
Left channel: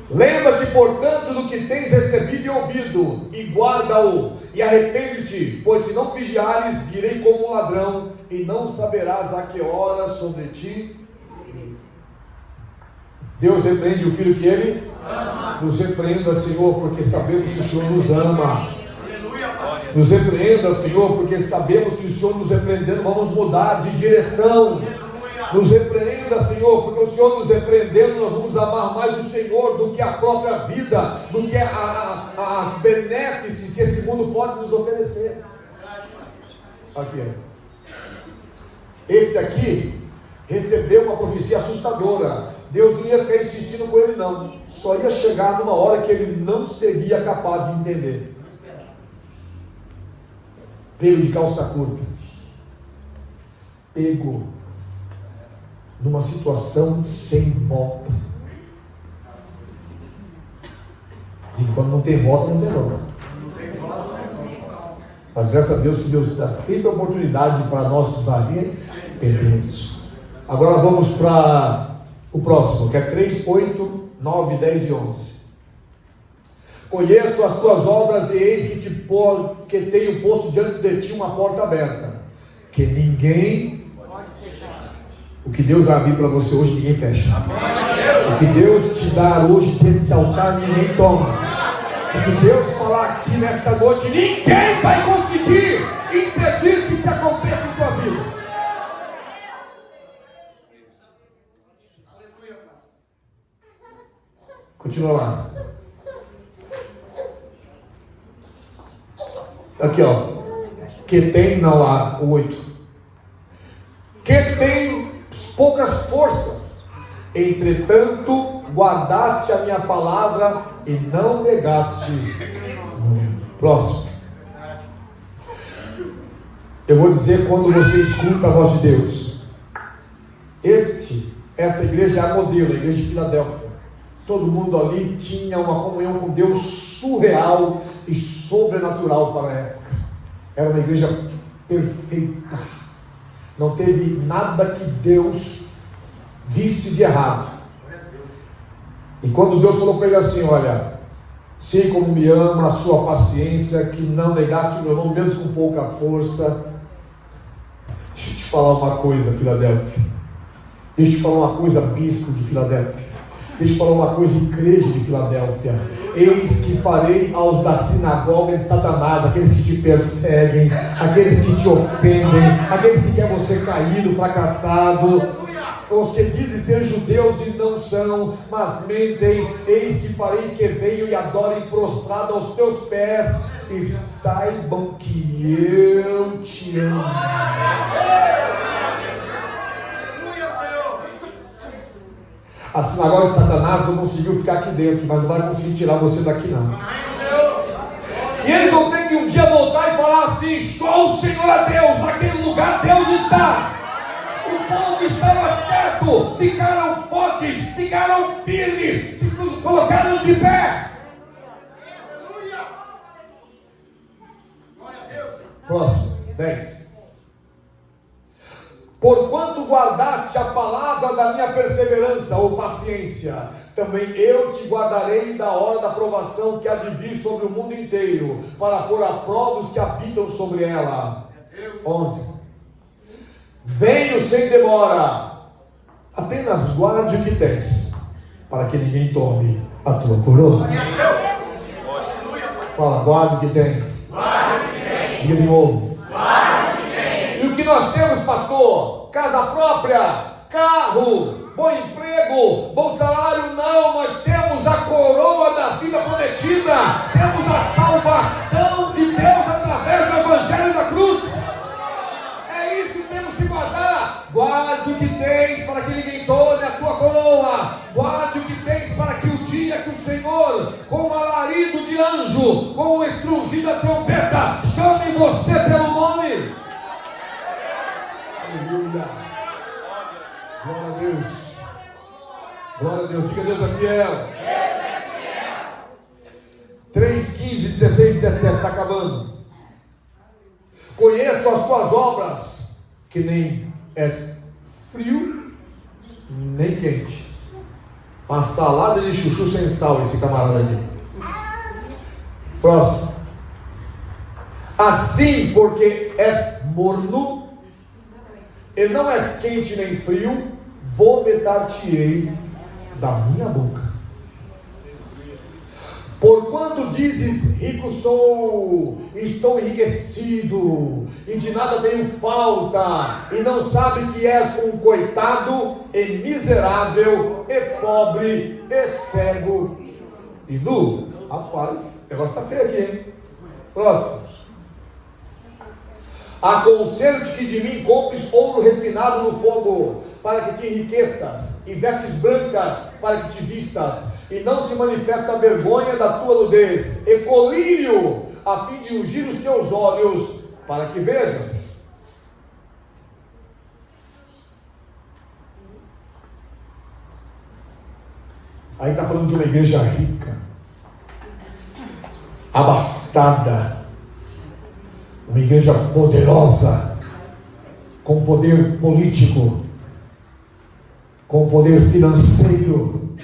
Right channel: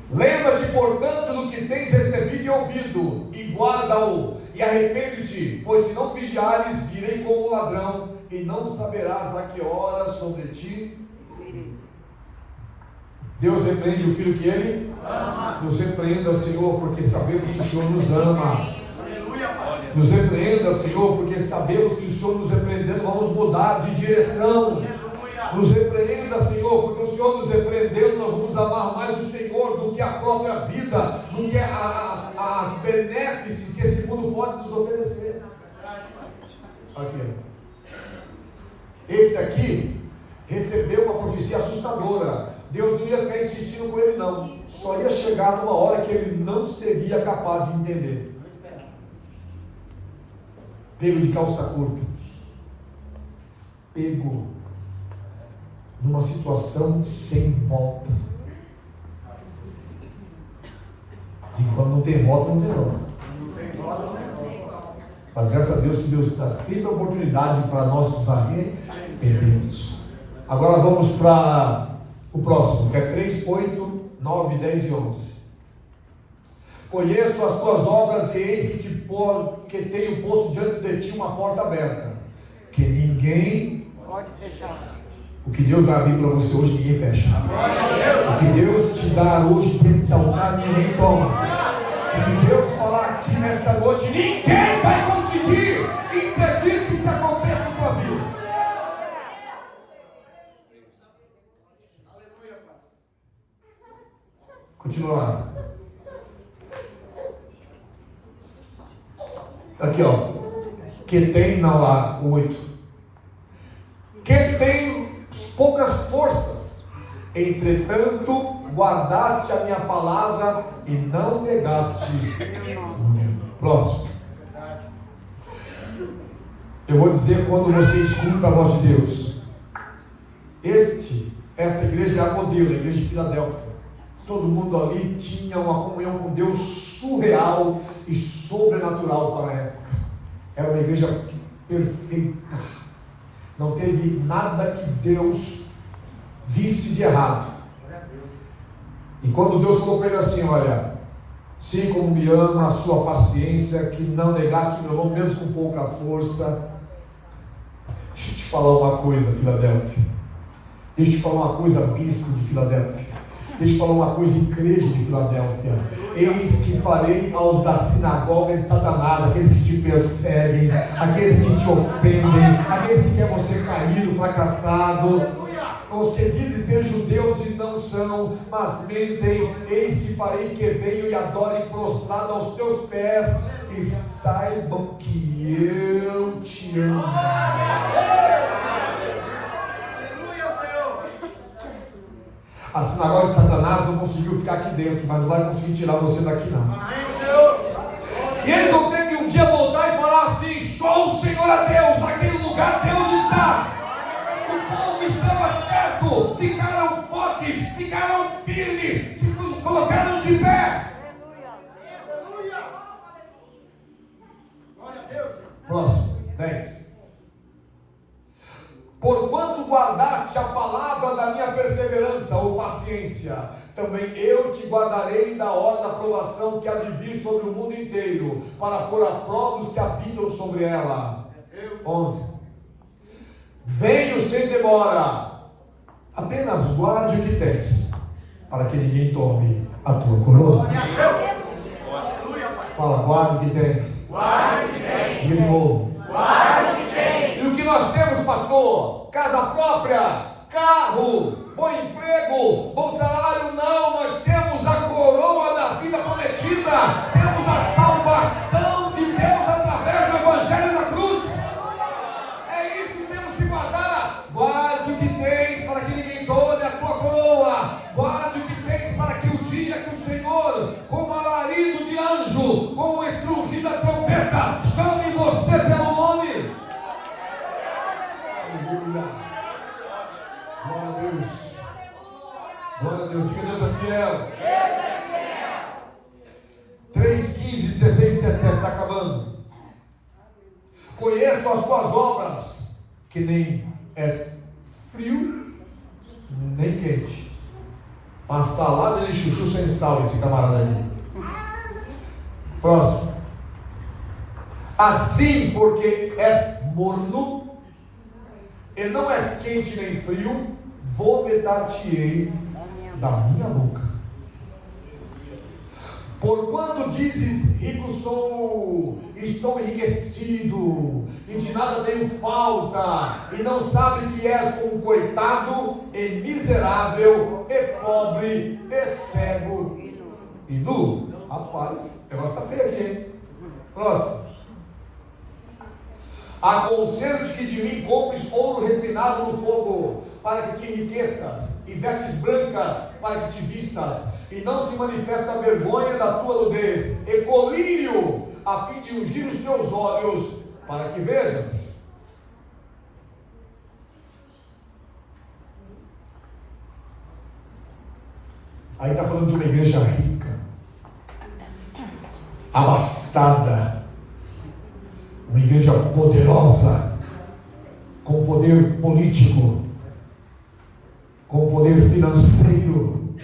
Lembra-te, portanto, do que tens recebido e ouvido, e guarda-o, e arrepende-te, pois se não vigiares, virei como um ladrão, e não saberás a que hora sobre ti. Deus repreende o filho que Ele ama. Nos repreenda, Senhor, porque sabemos que o Senhor nos ama. Aleluia, Pai. Nos repreenda, Senhor, porque sabemos que o Senhor nos repreendendo, vamos mudar de direção. Nos repreenda, Senhor, porque o Senhor nos repreendendo, nós vamos amar mais o Senhor do que a própria vida, do que as benéfices que esse mundo pode nos oferecer. Aqui. Esse aqui recebeu uma profecia assustadora. Deus não ia ficar insistindo com ele, não. Só ia chegar numa hora que ele não seria capaz de entender. Pego de calça curta. Pego numa situação sem volta. Então não tem volta, não tem volta. Mas graças a Deus que Deus dá sempre a oportunidade para nós nos arrependermos. Agora vamos para o próximo, que é 3, 8, 9, 10 e 11. Conheço as tuas obras e eis que tenho posto diante de ti uma porta aberta, que ninguém pode fechar. O que Deus abrir para você hoje, ninguém fecha. O que Deus te dá hoje desse altar, ninguém toma. O que Deus falar aqui nesta noite, ninguém vai conseguir impedir que isso aconteça na tua vida. Continua lá. Aqui, ó. Que tem, não há, o 8. Que tem poucas forças, entretanto, guardaste a minha palavra e não negaste. Próximo. Eu vou dizer quando você escuta a voz de Deus. Esta igreja é a modelo, a igreja de Filadélfia. Todo mundo ali tinha uma comunhão com Deus surreal e sobrenatural para a época. Era uma igreja perfeita. Não teve nada que Deus visse de errado. E quando Deus falou para ele assim: olha, sei como me ama, a sua paciência, que não negasse o meu nome, mesmo com pouca força. Deixa eu te falar uma coisa, Filadélfia. Deixa eu te falar uma coisa, bispo de Filadélfia. Deixa eu te falar uma coisa, igreja de Filadélfia. Eis que farei aos da sinagoga de Satanás, aqueles que te perseguem, aqueles que te ofendem, aqueles que querem você caído, fracassado, os que dizem ser judeus e não são, mas mentem. Eis que farei que venham e adorem prostrado aos teus pés, e saibam que eu te amo. A sinagoga de Satanás não conseguiu ficar aqui dentro, mas não vai conseguir tirar você daqui, não. E eles vão ter que um dia voltar e falar assim: só o Senhor é Deus, naquele lugar Deus está. O povo estava certo, ficaram fortes, ficaram firmes, se colocaram de pé. Glória a Deus. Próximo, 10. Porquanto guardaste a palavra da minha perseverança ou paciência, também eu te guardarei da hora da provação que há de vir sobre o mundo inteiro, para pôr a prova os que habitam sobre ela. 11. Venho sem demora, apenas guarde o que tens, para que ninguém tome a tua coroa. Fala, guarde o que tens. Diga de novo. E o que nós temos, pastor? Casa própria, carro, bom emprego, bom salário? Não, nós temos a coroa da vida prometida, temos a salvação de Deus através do Evangelho da cruz. É isso que temos que guardar. Guarde o que tens para que ninguém tome a tua coroa. Guarde o que tens para que o dia que o Senhor, com o alarido de anjo, com o estrugir da trombeta, chame você pelo nome. Aleluia. Glória a Deus. Glória a Deus. Diga: Deus é fiel. 3, 15, 16, 17. Está acabando. Conheço as tuas obras, que nem é frio, nem quente. Uma salada de chuchu sem sal, esse camarada ali. Próximo. Assim, porque és morno, e não és quente nem frio, vomitar-te-ei da minha boca. Porquanto dizes, rico sou, estou enriquecido, e de nada tenho falta, e não sabe que és um coitado, e miserável, e pobre, e cego, e nu. Rapaz, o negócio está feio aqui, hein? Próximo. Aconselho-te que de mim compres ouro refinado no fogo, para que te enriqueças, e vestes brancas, para que te vistas, e não se manifesta a vergonha da tua nudez, e colírio, a fim de ungir os teus olhos, para que vejas. Aí está falando de uma igreja rica, abastada, uma igreja poderosa, com poder político, com poder financeiro,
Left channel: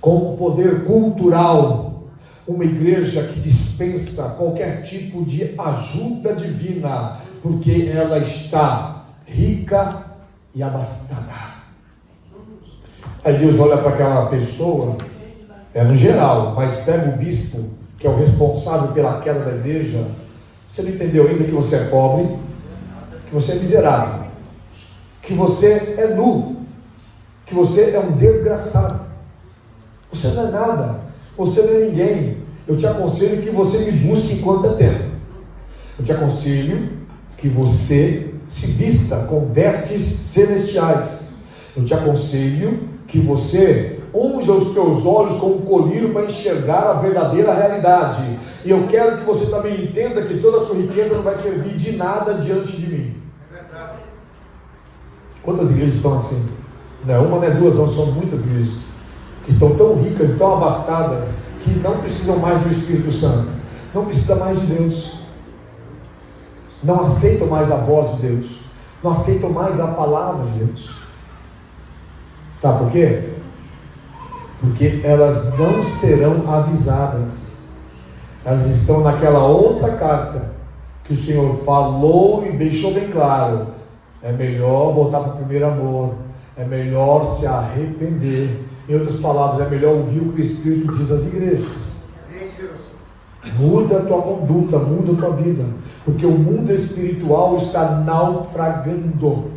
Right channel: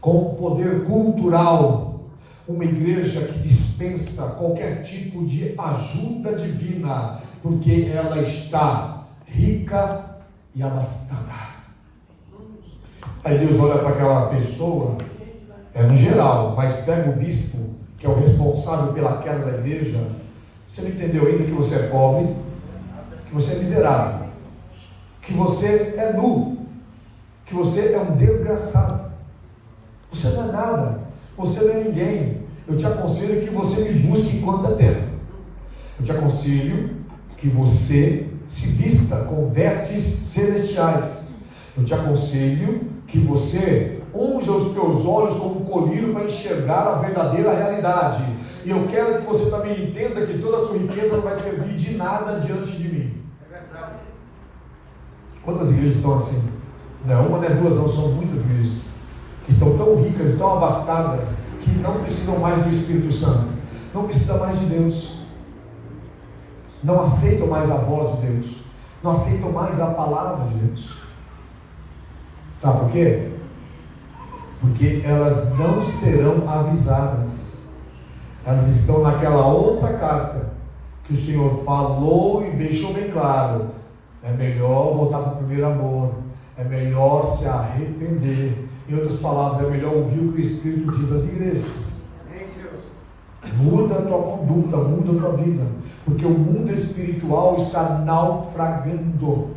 com poder cultural, uma igreja que dispensa qualquer tipo de ajuda divina, porque ela está rica e abastada. Aí Deus olha para aquela pessoa, no geral, mas pega o bispo, que é o responsável pela queda da igreja. Você não entendeu ainda que você é pobre, que você é miserável, que você é nu, que você é um desgraçado. Você não é nada, você não é ninguém. Eu te aconselho que você me busque enquanto é tempo. Eu te aconselho que você se vista com vestes celestiais. Eu te aconselho que você unja os teus olhos com um colírio para enxergar a verdadeira realidade. E eu quero que você também entenda que toda a sua riqueza não vai servir de nada diante de mim. Quantas igrejas estão assim? Não é uma, não é duas, não, são muitas igrejas que estão tão ricas, tão abastadas, que não precisam mais do Espírito Santo, não precisam mais de Deus, não aceitam mais a voz de Deus, não aceitam mais a palavra de Deus. Sabe por quê? Porque elas não serão avisadas. Elas estão naquela outra carta que o Senhor falou e deixou bem claro: é melhor voltar para o primeiro amor, é melhor se arrepender. Em outras palavras, é melhor ouvir o que o Espírito diz às igrejas. Muda a tua conduta, muda a tua vida, porque o mundo espiritual está naufragando.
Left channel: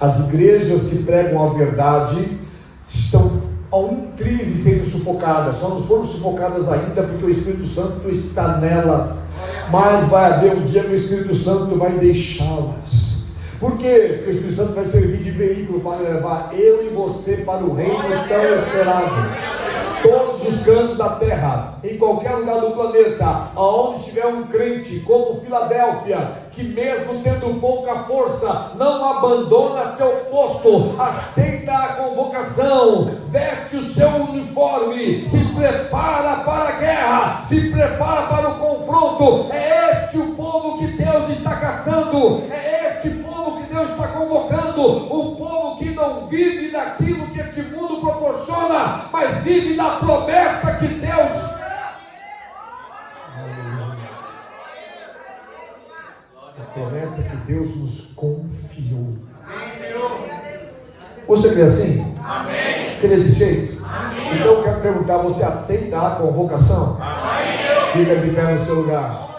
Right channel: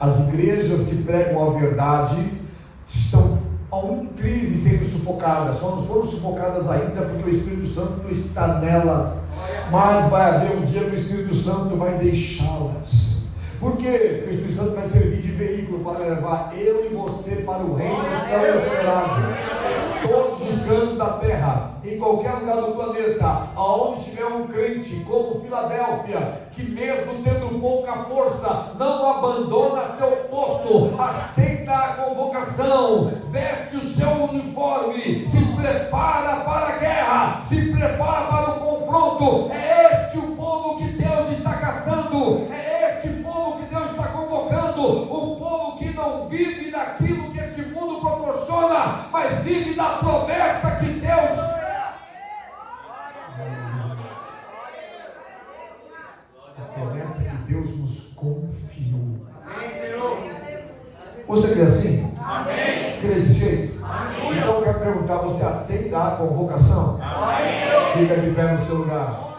As igrejas que pregam a verdade estão a um triz de serem sufocadas. Só não foram sufocadas ainda porque o Espírito Santo está nelas, mas vai haver um dia que o Espírito Santo vai deixá-las. Por quê? Porque o Espírito Santo vai servir de veículo para levar eu e você para o reino tão esperado. Todos os cantos da terra, em qualquer lugar do planeta, aonde estiver um crente, como Filadélfia, que mesmo tendo pouca força, não abandona seu posto, aceita a convocação, veste o seu uniforme, se prepara para a guerra, se prepara para o confronto. É este o povo que Deus está caçando, é este povo que Deus está convocando, o povo que não vive daquilo que esse mundo proporciona, mas vive da promessa que Deus... A promessa que Deus nos confiou. Você crê assim? Amém. Crê desse jeito? Amém. Então eu quero perguntar: você aceita a convocação? Amém. Fica de pé no seu lugar.